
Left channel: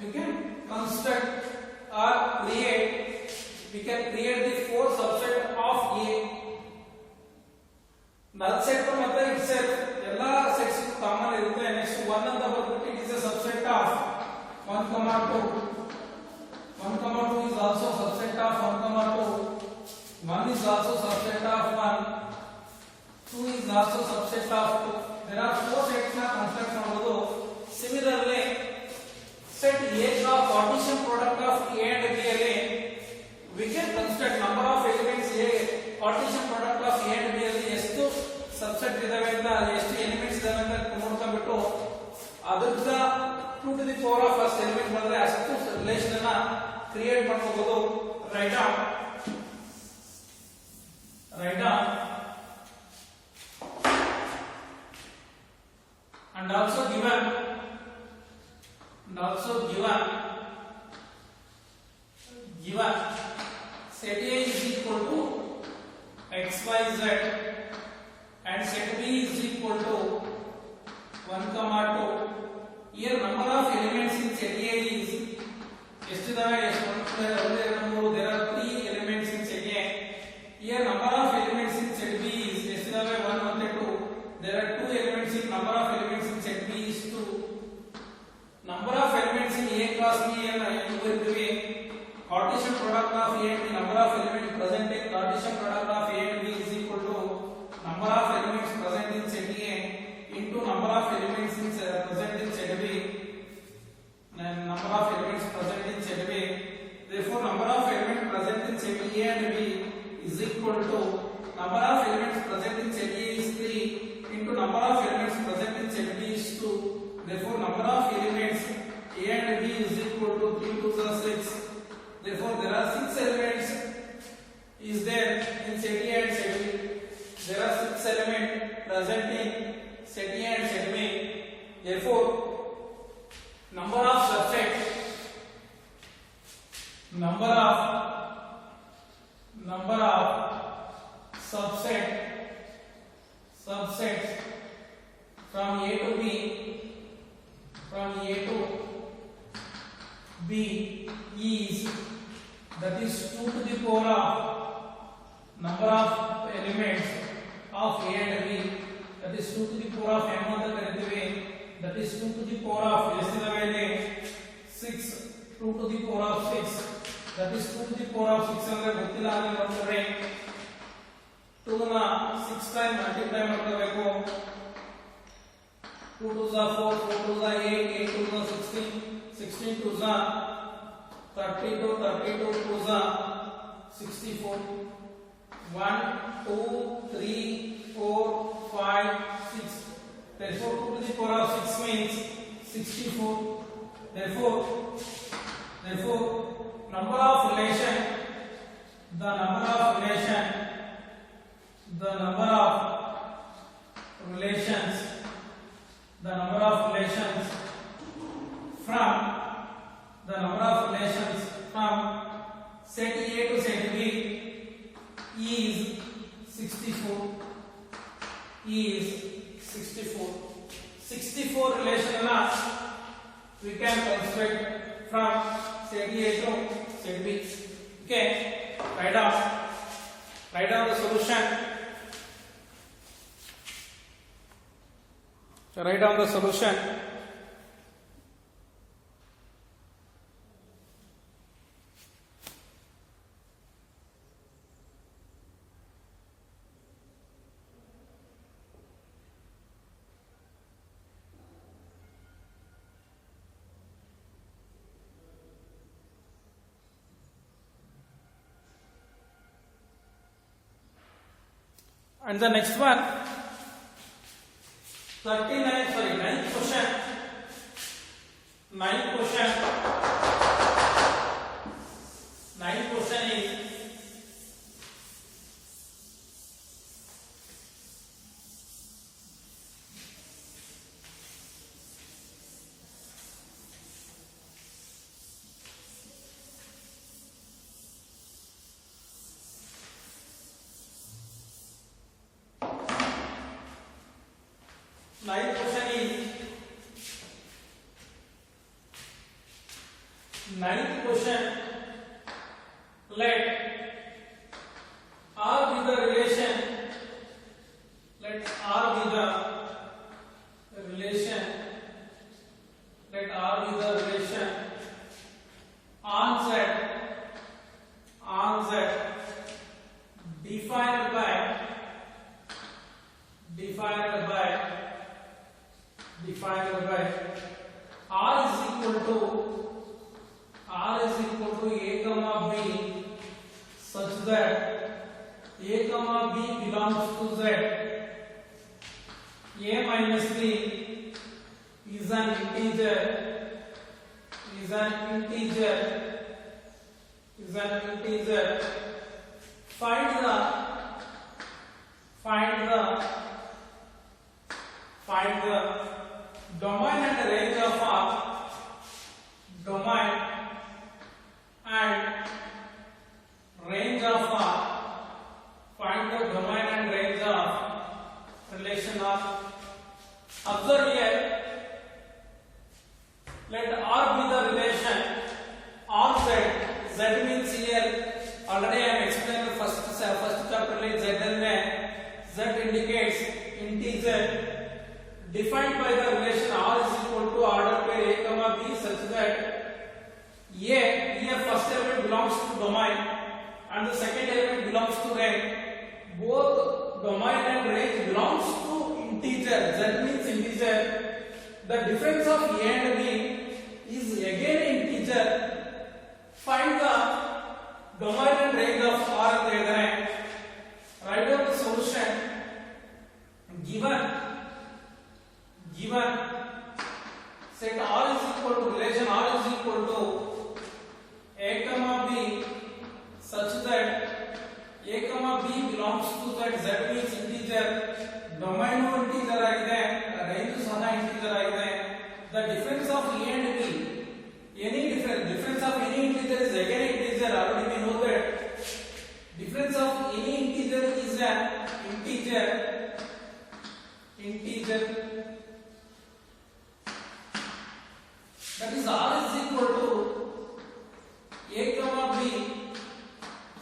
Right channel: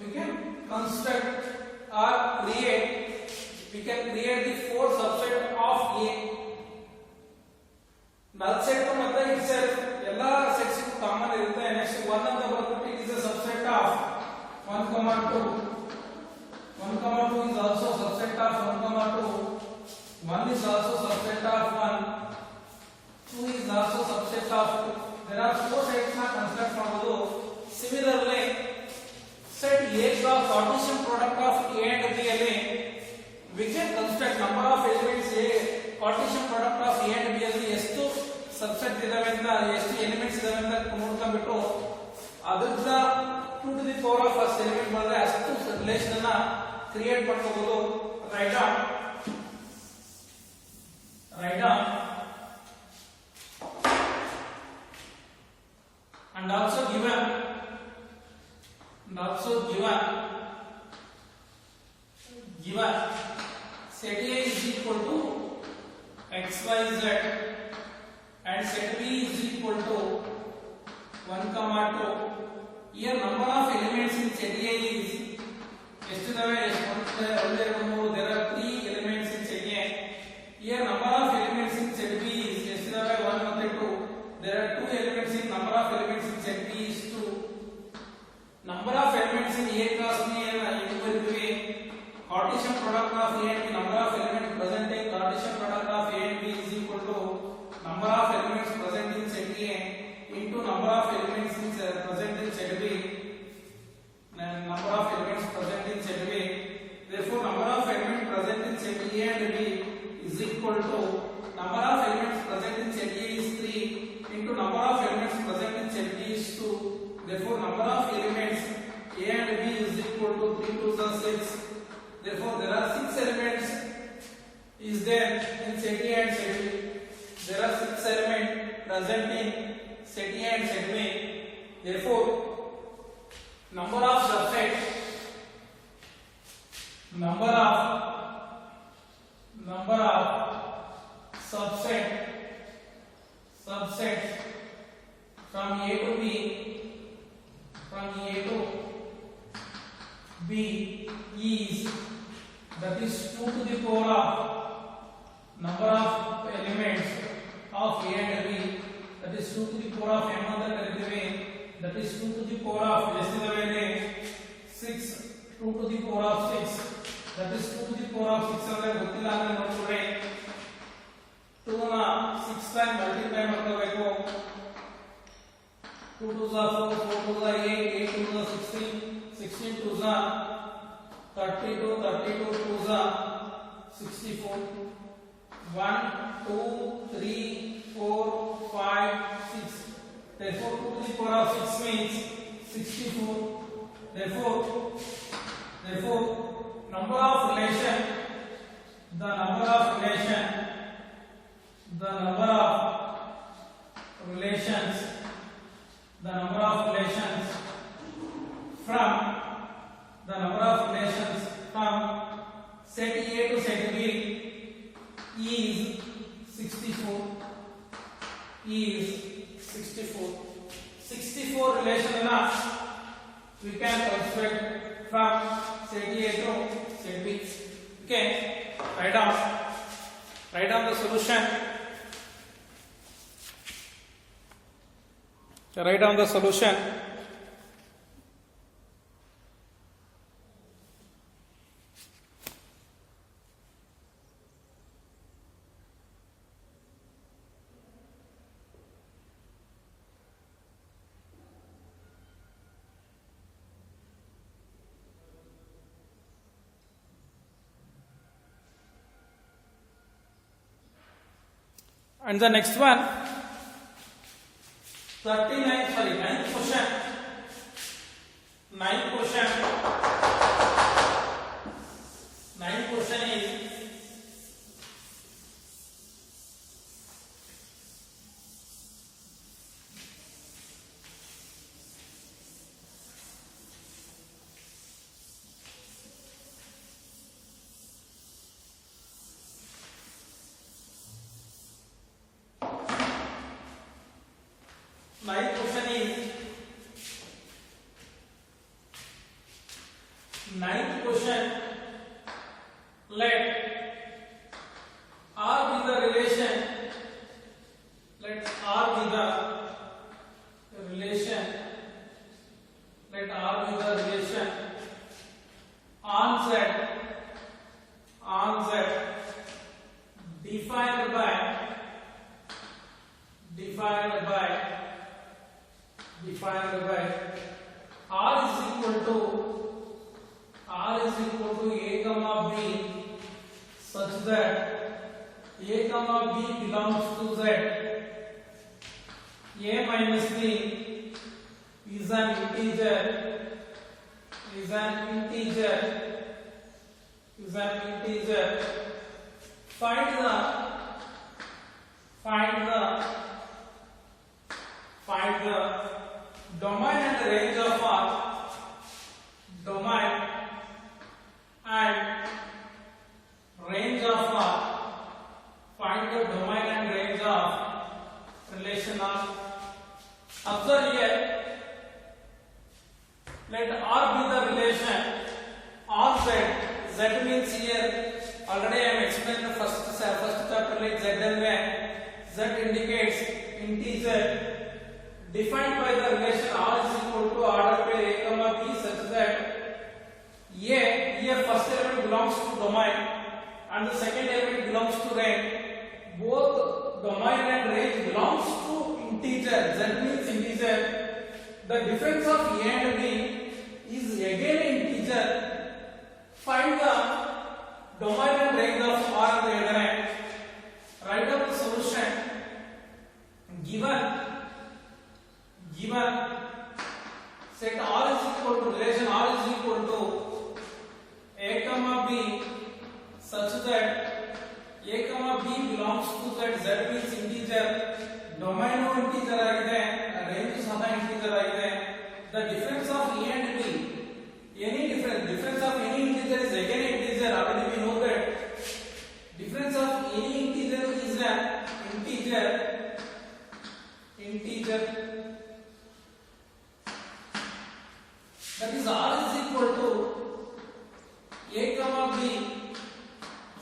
We can construct or create the 4 subset of A. null set ಮತ್ತೆ itself ಎಲ್ಲಾ sets common ಇರುತ್ತೆ. Next 1 ಅಂತ ಬರ್ಬಿಟ್ಟು it is a subset of 1, 2. 1, 2 is also subset of 1, 2. 1 is also subset of 1. 2 is also subset of 2. There are 4 sets na construct ಮಾಡಬಹುದು. Similarly set A का Cartesian product of A and B ಅಲ್ಲಿ we can construct number of elements A. Cartesian product of A and B ಅಲ್ಲಿ ಎಷ್ಟು subset ಇದಾವೆ ಅಂತ, ಎಷ್ಟು elements ಇದಾವೆ ಅಂತ ನೋಡ್ಕೊಂಡ್ಬಿಟ್ಟು ಅದರಿಂದ 2 to the power of first element ಬಂದ್ರೆ ಅಷ್ಟು ರಿಲೇಶನ್ ಅನ್ನ ಕ್ರಿಯೇಟ್ ಮಾಡ್ಕೋಬಹುದು. Write down and also given set A is equal to x, y, z and set B is equal to 1, 2. Here number of elements in set A is ಎಷ್ಟಿದಾವೆ? there are 3 elements in set A. Here number of elements in set B is ಎಷ್ಟಿದಾವೆ? 1 ಮತ್ತೆ 2. There are 2 elements in number of elements in set B is 2. Number of elements in A class B and Cartesian product of A and B, number of elements present in Cartesian product of A and B is equal to number of elements present in set A into number of elements present in set B and number of elements present in set B. Therefore number of 3 2s are 6. Therefore, there are 6 elements is there in set A and set B. There are 6 elements present in set A and set B. Therefore, number of subsets subsets from A to B is, that is 2 to the power of number of elements of A and B, that is 2 to the power of m ಅಂತ ಕರೀತೀವಿ. That is 2 to the power of ಎಷ್ಟಿದೆ ಮೇಲೆ 6, 2 to the power of 6, that is 2 to the power of 6 ಅಂದ್ರೆ ಗೊತ್ತಿಲ್ಲ ಅಂದ್ರೆ ನೋಡ್ಕೊಡ್ರಿ 2 ನ 6 time multiply ಮಾಡ್ಕೋಬೇಕು. 2 2s are 4, 4 2s are 8, 8 2s are 16, 16 2s are 32, 32 2s are 64. 1 2 3 4 5 6. Therefore, 2 to the power of 6 means 64. Therefore, number of relation, the number of relations from set A to set B is 64. 64 relation we can construct from set A to set B. Okay, write down the solution. Write down the solution. And the next one, 9th question. 9th question is, ninth question, let R be the relation, let R be the relation on Z defined by R is equal to A comma B such that A comma B belongs to Z. A minus B is an integer. Find the domain and range of R. Domain and range of R. Find the domain and range of relation of. Observe here. Let R be the relation on Z. Z means here. Already I am explaining the first chapter like Z and Z indicates integer defined by the relation R is equal to order pair A comma B such that here first element belongs to domain and the second element belongs to range. Both domain and range belongs to integer. Z means integer. The difference of A and B is again integer. Find the domain and range of R on the other hand. Write down the solution. Given set R is equal to relation R is equal to z means integer, domain integer ಆಗಿದೆ, range ಸಹ integer ಆಗಿದೆ. The difference of a and b, any difference of any integer is again integer. Already we know that difference of any integer is an integer. That is r is equal to a comma b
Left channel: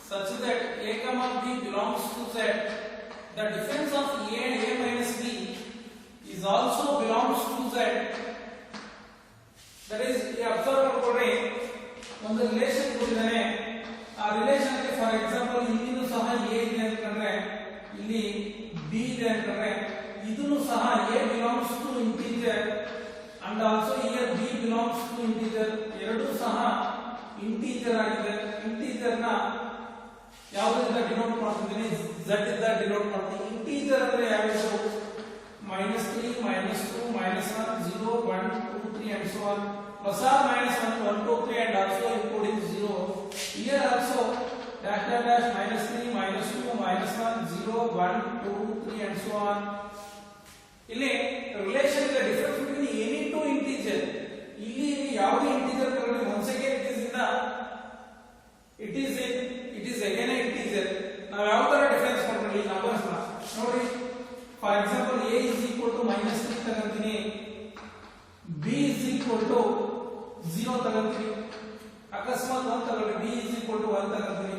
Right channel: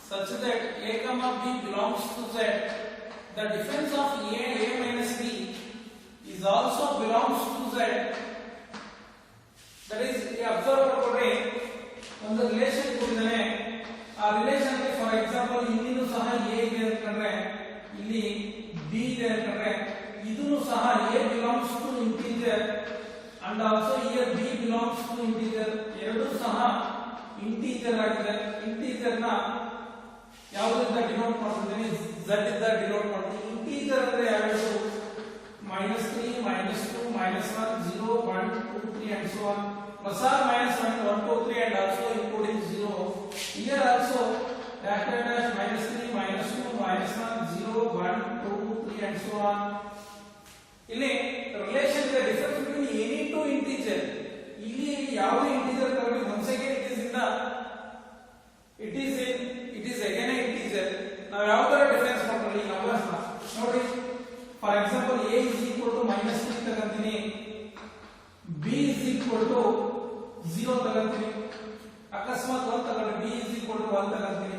such that a comma b belongs to z. The difference of a and a minus b is also belongs to z. That is, observe ಮಾಡ್ಕೊಳ್ಳಿ, ಒಂದು relation ಕೊಟ್ಟಿದ್ದಾನೆ, ಆ relation ಗೆ for example ಇಲ್ಲಿನೂ ಸಹ a ಇದೆ ಅಂತಂದ್ರೆ, ಇಲ್ಲಿ b ಇದೆ ಅಂತಂದ್ರೆ, ಇದನ್ನು ಸಹ a belongs to integer and also here b belongs to integer. ಎರಡೂ ಸಹ ಇಂಟಿಜರ್ ಆಗಿದೆ. ಇಂಟಿಜರ್ ನ ಯಾವುದರಿಂದ ಡಿನೋಟ್ ಮಾಡ್ತಿದ್ದೀನಿ, z ಇಂದ ಡಿನೋಟ್ ಮಾಡ್ತೀನಿ. ಇಂಟಿಜರ್ ಅಂದ್ರೆ ಯಾವುದು? -3, -2, -1, 0, 1, 2, 3 and so on, plus or minus 1, 2, 3 and also including 0. Here also dash dash dash -3, -2, -1, 0, 1, 2, 3 and so on. ಇಲ್ಲಿ ರಿಲೇಶನ್ ಗೆ difference between any two integer. ಇಲ್ಲಿ ಯಾವುದೇ ಇಂಟಿಜರ್ ತಗೊಂಡು once again it is again a integer. ನಾವು ಯಾವ ತರ difference ಮಾಡ್ಕೊಳ್ಳಿ numbers ನ ನೋಡಿ. For example a is equal to -3 ತಗೊಂತೀನಿ, b is equal to 0 ತಗೊಂತೀನಿ, ಅಕಸ್ಮಾತ್ 1 ತಗೊಂಡ್ರೆ b is equal to 1 ತಗೊಂತೀನಿ.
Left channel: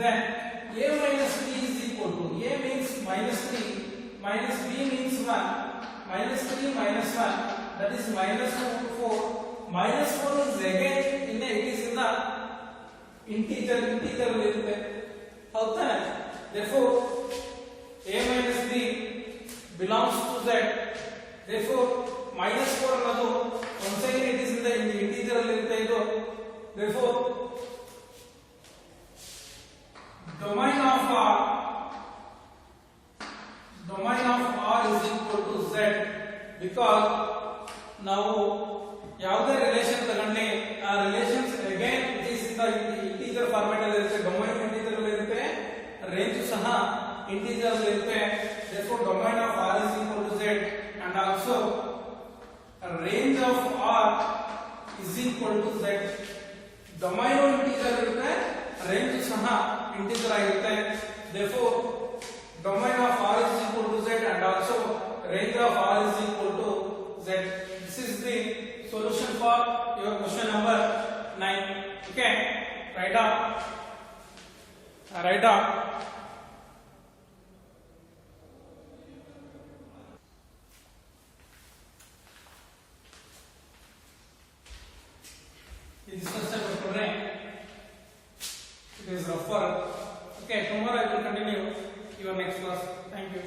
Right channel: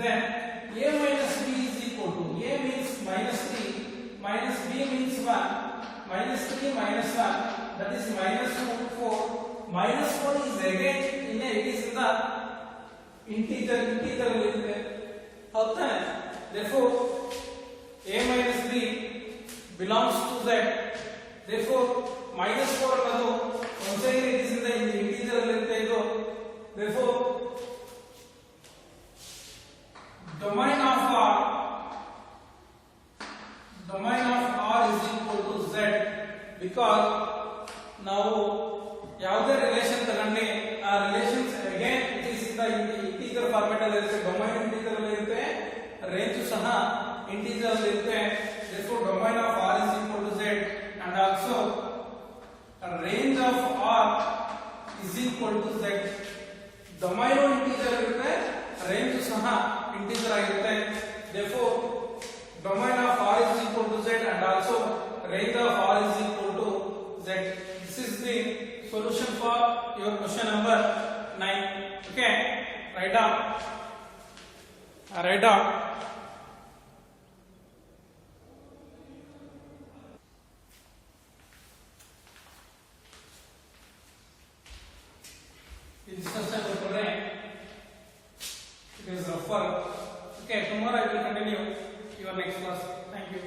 then a minus b is equal to, a means -3 minus b means 1, -3 minus 1, that is -4. -4 is again it is in the integer ಅಲ್ಲಿ ಇರುತ್ತೆ, ಹೌದಾ? therefore a minus b belongs to z. therefore -4 ಅನ್ನೋದು once again it is in the integer ಅಲ್ಲಿ ಇರುತ್ತೆ ಇದು. therefore domain of r is equal to z, because ನಾವು ಯಾವುದೇ relation ತಗೊಂಡ್ರೆ ಆ relations again it is in the integer format ಅಲ್ಲಿ ಇರುತ್ತೆ. ಡೊಮೈನ್ ಇಂಟಿಜರ್ ಅಲ್ಲಿ ಇರುತ್ತೆ, ರೇಂಜ್ ಸಹ ಇಂಟಿಜರ್ ಅಲ್ಲಿ ಇರುತ್ತೆ. therefore domain of r is equal to z and also range of r is equal to z. Domain integer ಇರುತ್ತೆ, range ಸಹ integer ಆಗಿರುತ್ತೆ. therefore domain of r is equal to z and also range of r is equal to z. This is the solution for your question number 9. Okay, write down. This question it is rougher. Okay, tomorrow I will continue your next class. Thank you.